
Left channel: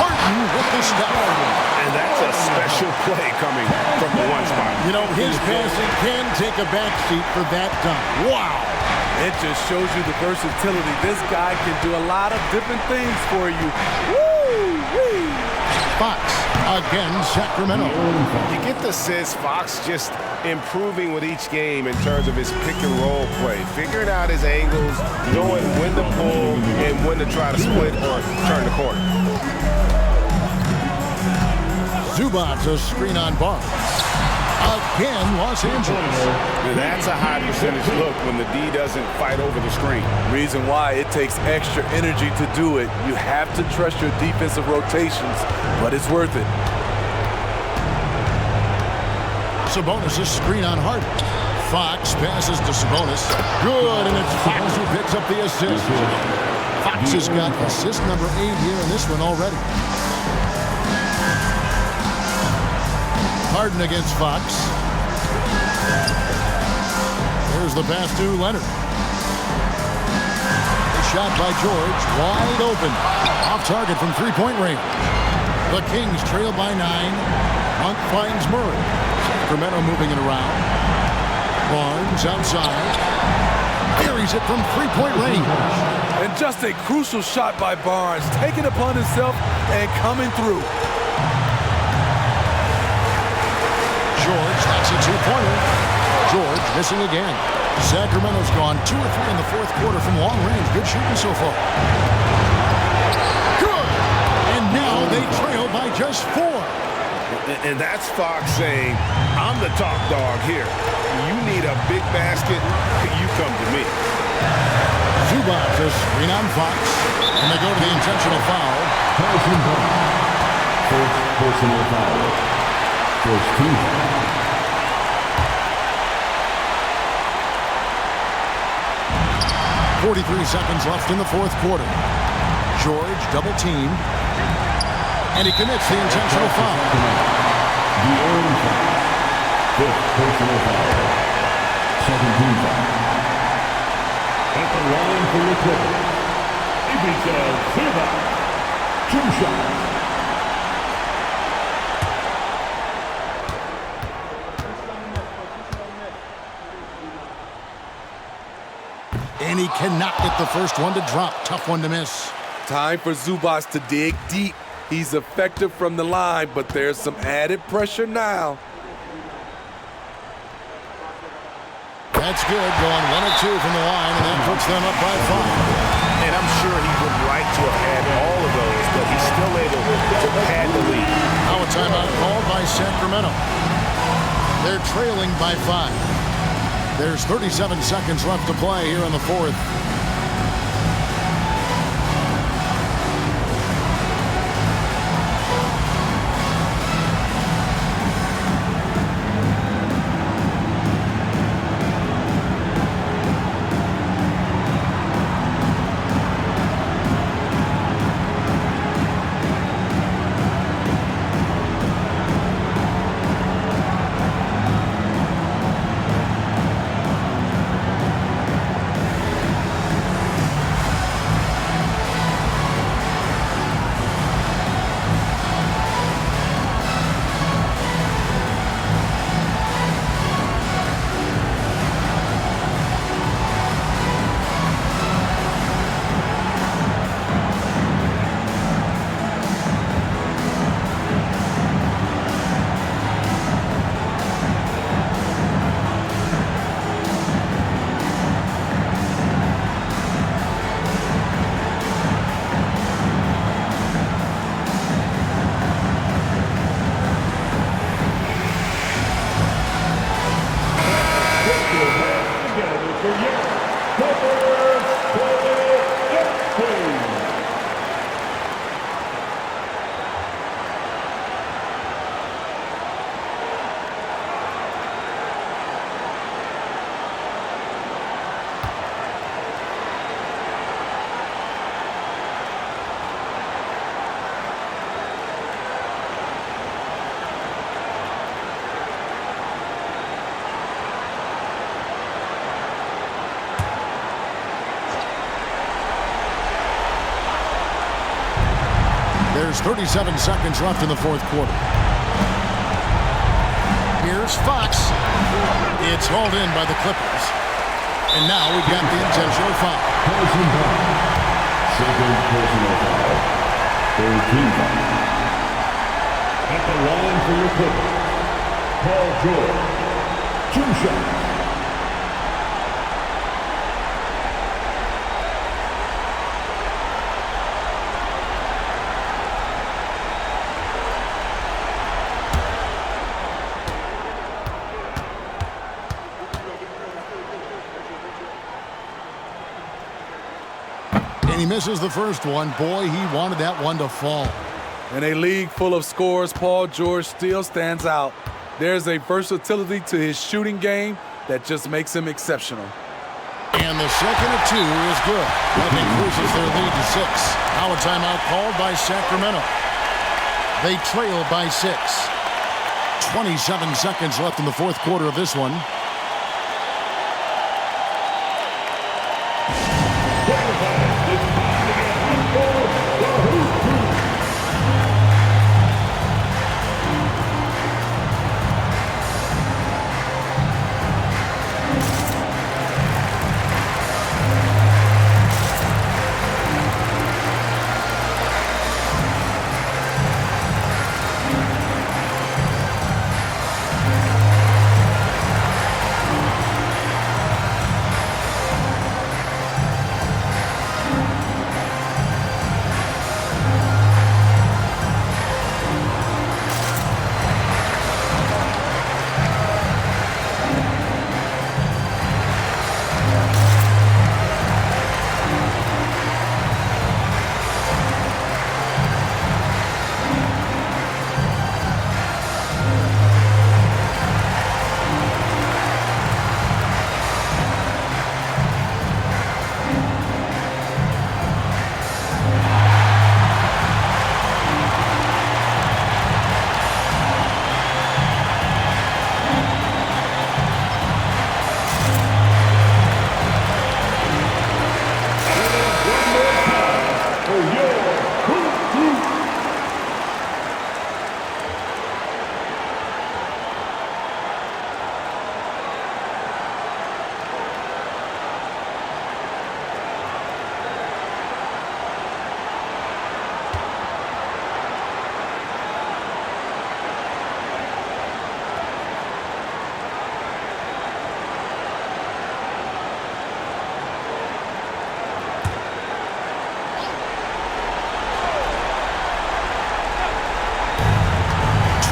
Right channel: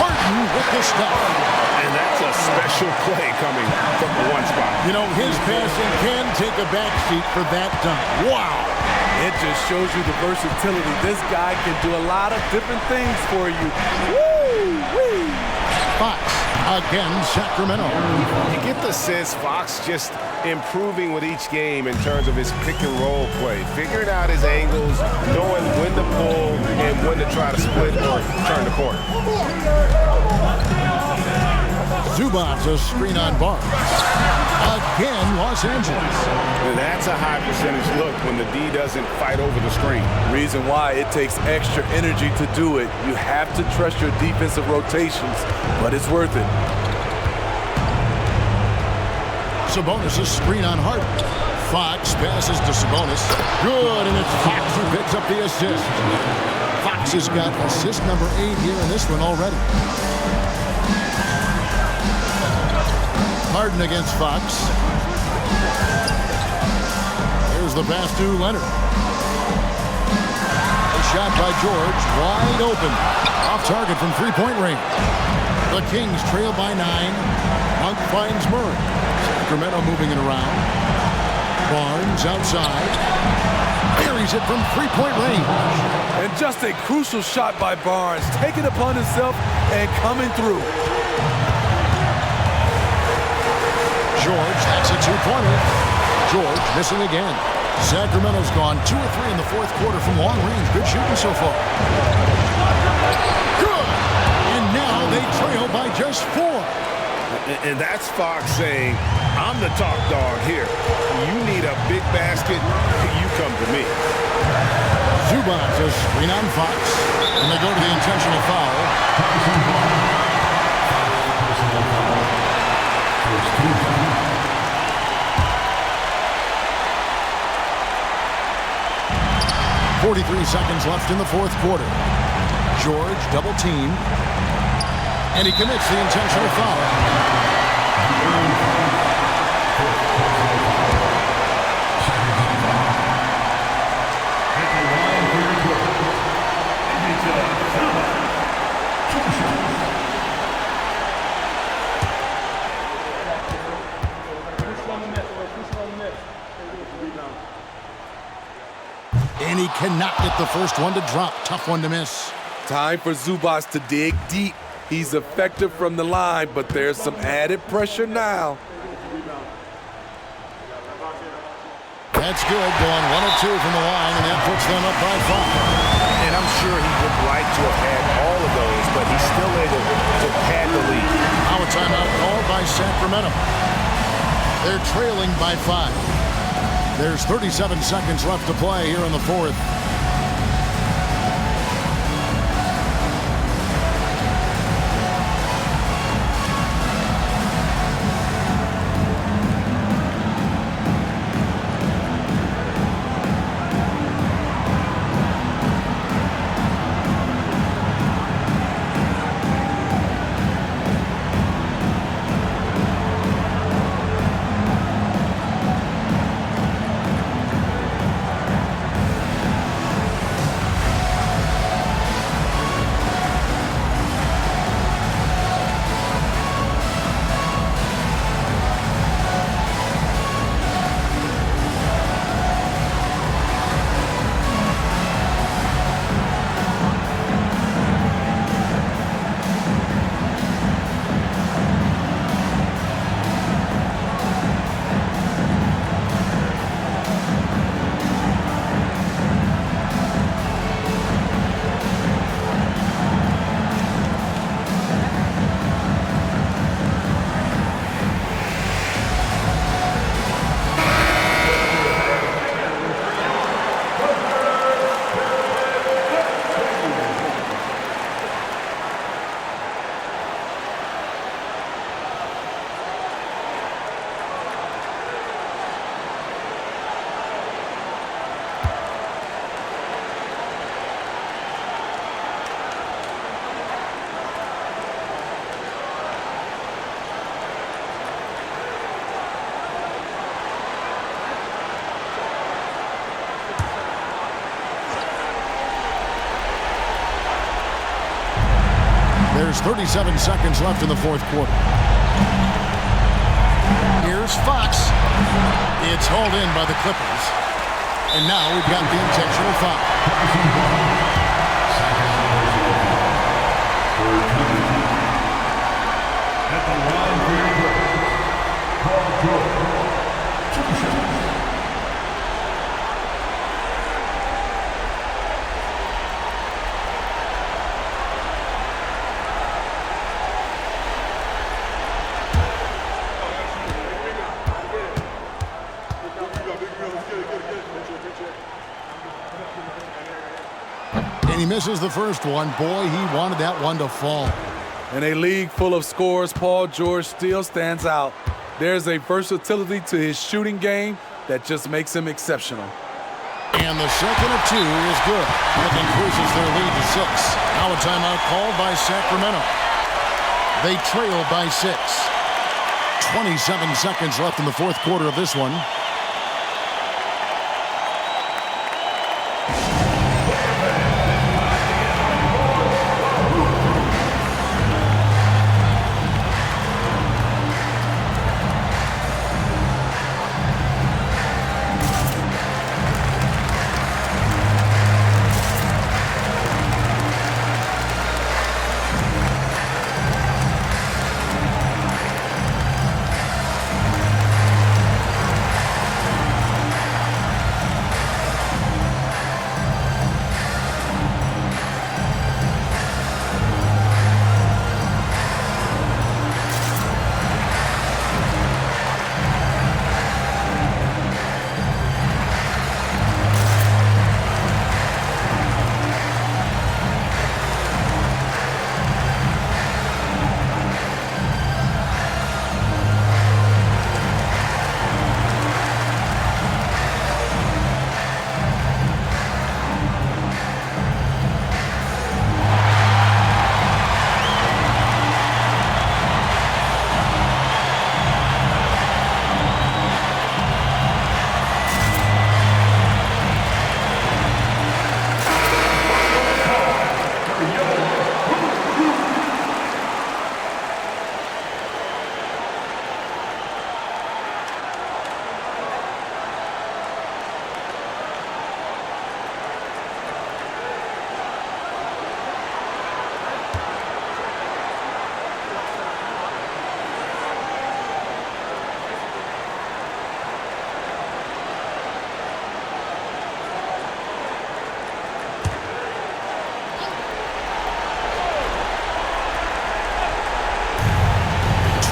Harden with the stuff. And that's a special play coming from the one spot. You know, his passing can take a backseat for that dunk. Wow. It just shows you the versatility. This guy can do a lot of different things for you. Woo-wee. Fox again, Sacramento. You get the sense Fox just improving with each game in terms of his pick and roll play, figuring out his angles, knowing when to pull and when to try to split or turn the corner. Zubac's a screen on Barnes. Again, Los Angeles. That's a high percentage look when the D doesn't fight over the screen. Reason why it takes extra energy to do it. You have to trust your defensive rotations, but it's worth it. Sabonis' screen on Harden. Fox passes to Sabonis. Good, and it's Fox who picks up the assist. Fox has got assist number 8 here in this one already. Harden against Fox. There's the pass to Leonard. A shot by George, wide open. Off target from three-point range. The Kings trail by 9. Monk finds Murray. Sacramento moving it around. Barnes outside. Buries it from three-point range. And just a crucial shot by Barnes, taking it upon himself and coming through. George, that's a two-pointer. George missing again. Sacramento's gone 2 of 3 in the fourth quarter from long range. Good shooting so far. Good! And now they trail by just 4. And that's Fox saying, I'm the top dog here. You need a big basket, you come to me. Zubac's a screen on Fox. And they go to the intentional foul. First personal foul. First team foul. 43 seconds left in the fourth quarter. George double teamed. And he commits the intentional foul. Fifth personal foul. Second team foul. At the line for your quarter. Ivica Zubac. 2 shots. And he cannot get the first one to drop. Tough one to miss. Time for Zubac to dig deep. He's effective from the line, but there's some added pressure now. That's good, going 1 of 2 from the line, and that puts them up by 5. And I'm sure he would like to have had all of those, but he's still able to pad the lead. Now a timeout called by Sacramento. They're trailing by 5. There's 37 seconds left to play here in the fourth. There's 37 seconds left in the fourth quarter. Here's Fox. It's hauled in by the Clippers. And now we've got the intentional foul. Second personal foul. Third team foul. At the line for your Clippers, Paul George. 2 shots. And he misses the first one. Boy, he wanted that one to fall. In a league full of scorers, Paul George still stands out. There's a versatility to his shooting game that just makes him exceptional. And the second of 2 is good. That increases their lead to 6. Now a timeout called by Sacramento. They trail by 6. 27 seconds left in the fourth quarter of this one.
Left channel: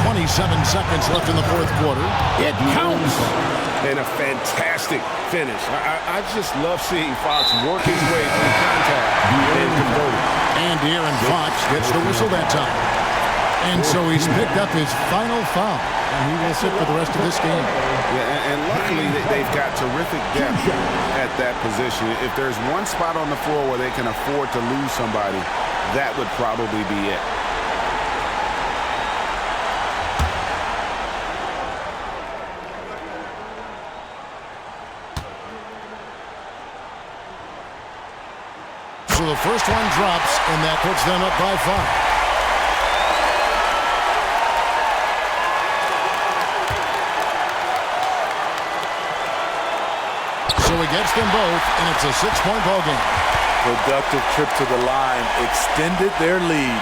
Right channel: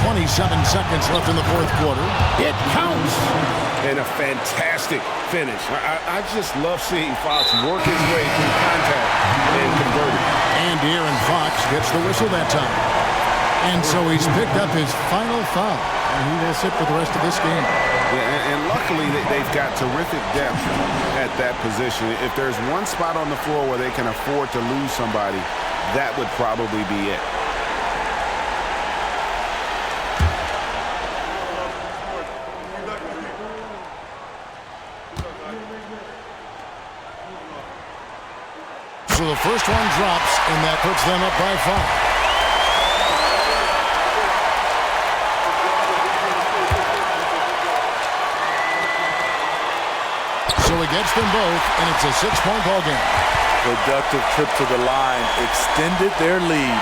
.27 seconds left in the fourth quarter. It counts. And a fantastic finish. I just love seeing Fox work his way through contact and convert it. And De'Aaron Fox gets the whistle that time. And so he's picked up his final foul. And he will sit for the rest of this game. Yeah, and luckily they've got terrific depth at that position. If there's one spot on the floor where they can afford to lose somebody, that would probably be it. So the first one drops, and that puts them up by 5. So he gets them both, and it's a 6-point ball game. Productive trip to the line extended their lead.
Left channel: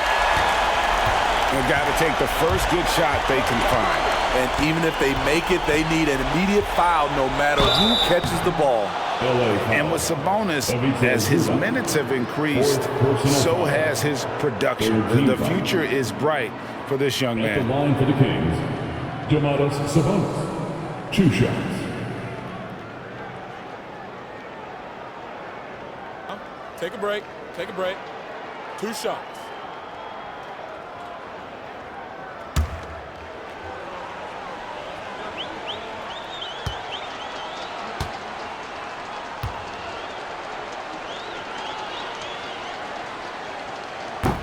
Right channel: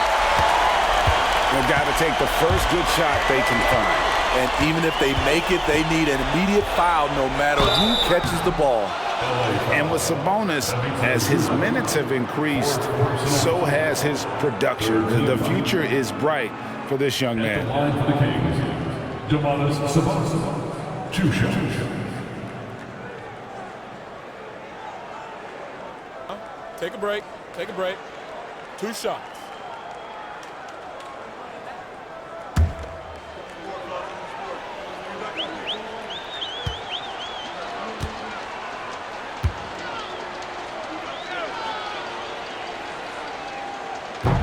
They've got to take the first good shot they can find. And even if they make it, they need an immediate foul no matter who catches the ball. And with Sabonis, as his minutes have increased, so has his production. The future is bright for this young man. At the line for the Kings, Domantas Sabonis. 2 shots. Take a break. Take a break. 2 shots.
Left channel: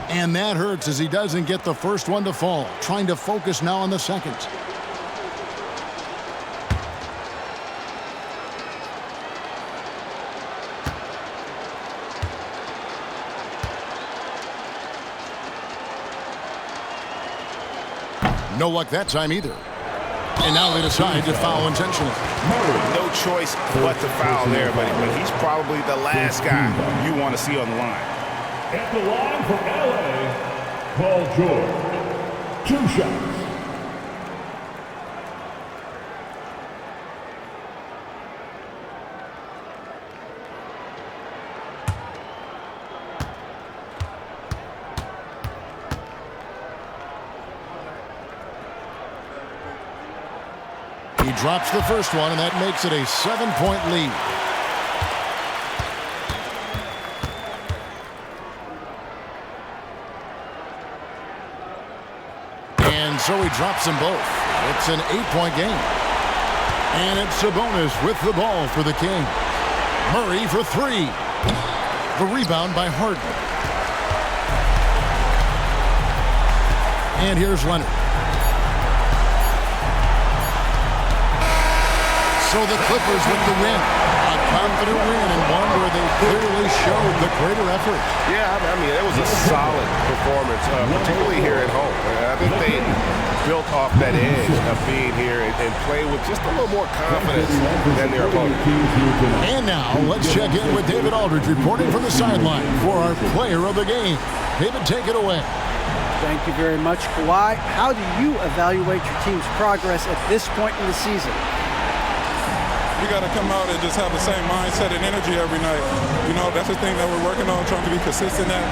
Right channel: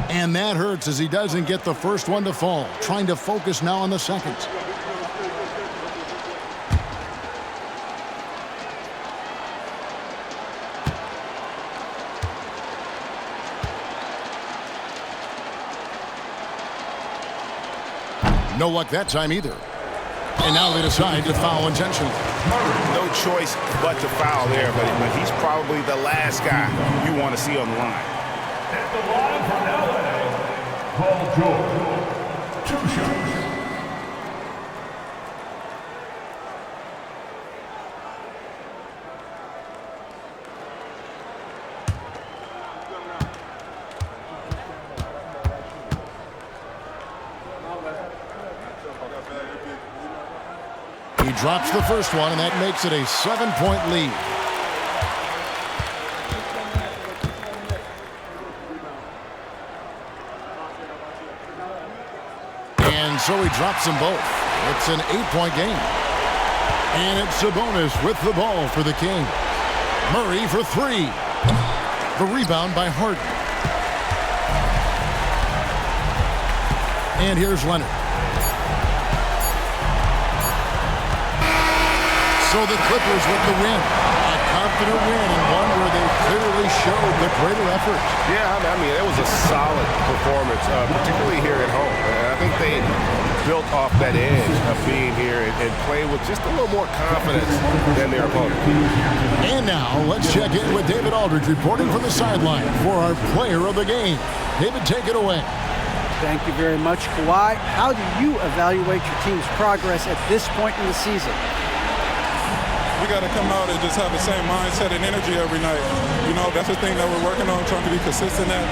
And that hurts as he doesn't get the first one to fall. Trying to focus now on the second. No luck that time either. And now they decide to foul intentionally. No choice but to foul there, but he's probably the last guy you want to see on the line. At the line for LA, Paul George. 2 shots. He drops the first one, and that makes it a 7-point lead. And so he drops them both. It's an 8-point game. And it's Sabonis with the ball for the Kings. Murray for 3. The rebound by Harden. And here's Leonard. So the Clippers with the win. A confident win, and one where they clearly showed the greater effort. Yeah, I mean, it was a solid performance, particularly here at home. And I think they built off that edge of being here and play with just a little more confidence than their opponent. And now let's check in with David Aldridge reporting from the sideline for our player of the game. David, take it away. Thank you very much, Kawhi. How do you evaluate your team's progress at this point in the season? We got to come out and just have the same mindset and energy every night. You know, that's the thing that we're working on, trying to be consistent at,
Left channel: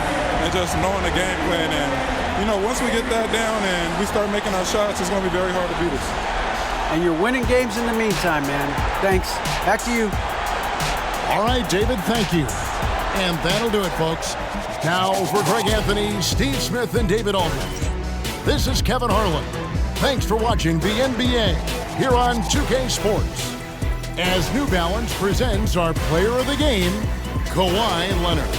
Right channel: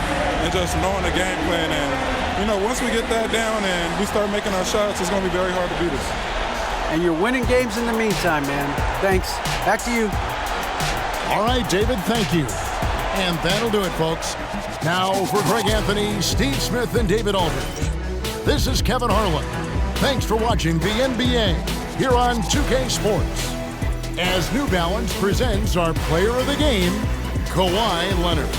and just knowing the game plan. And, you know, once we get that down and we start making our shots, it's going to be very hard to beat us. And you're winning games in the meantime, man. Thanks. Back to you. All right, David, thank you. And that'll do it, folks. Now for Greg Anthony, Steve Smith, and David Aldridge. This is Kevin Harlan. Thanks for watching the NBA here on 2K Sports. As New Balance presents our player of the game, Kawhi Leonard.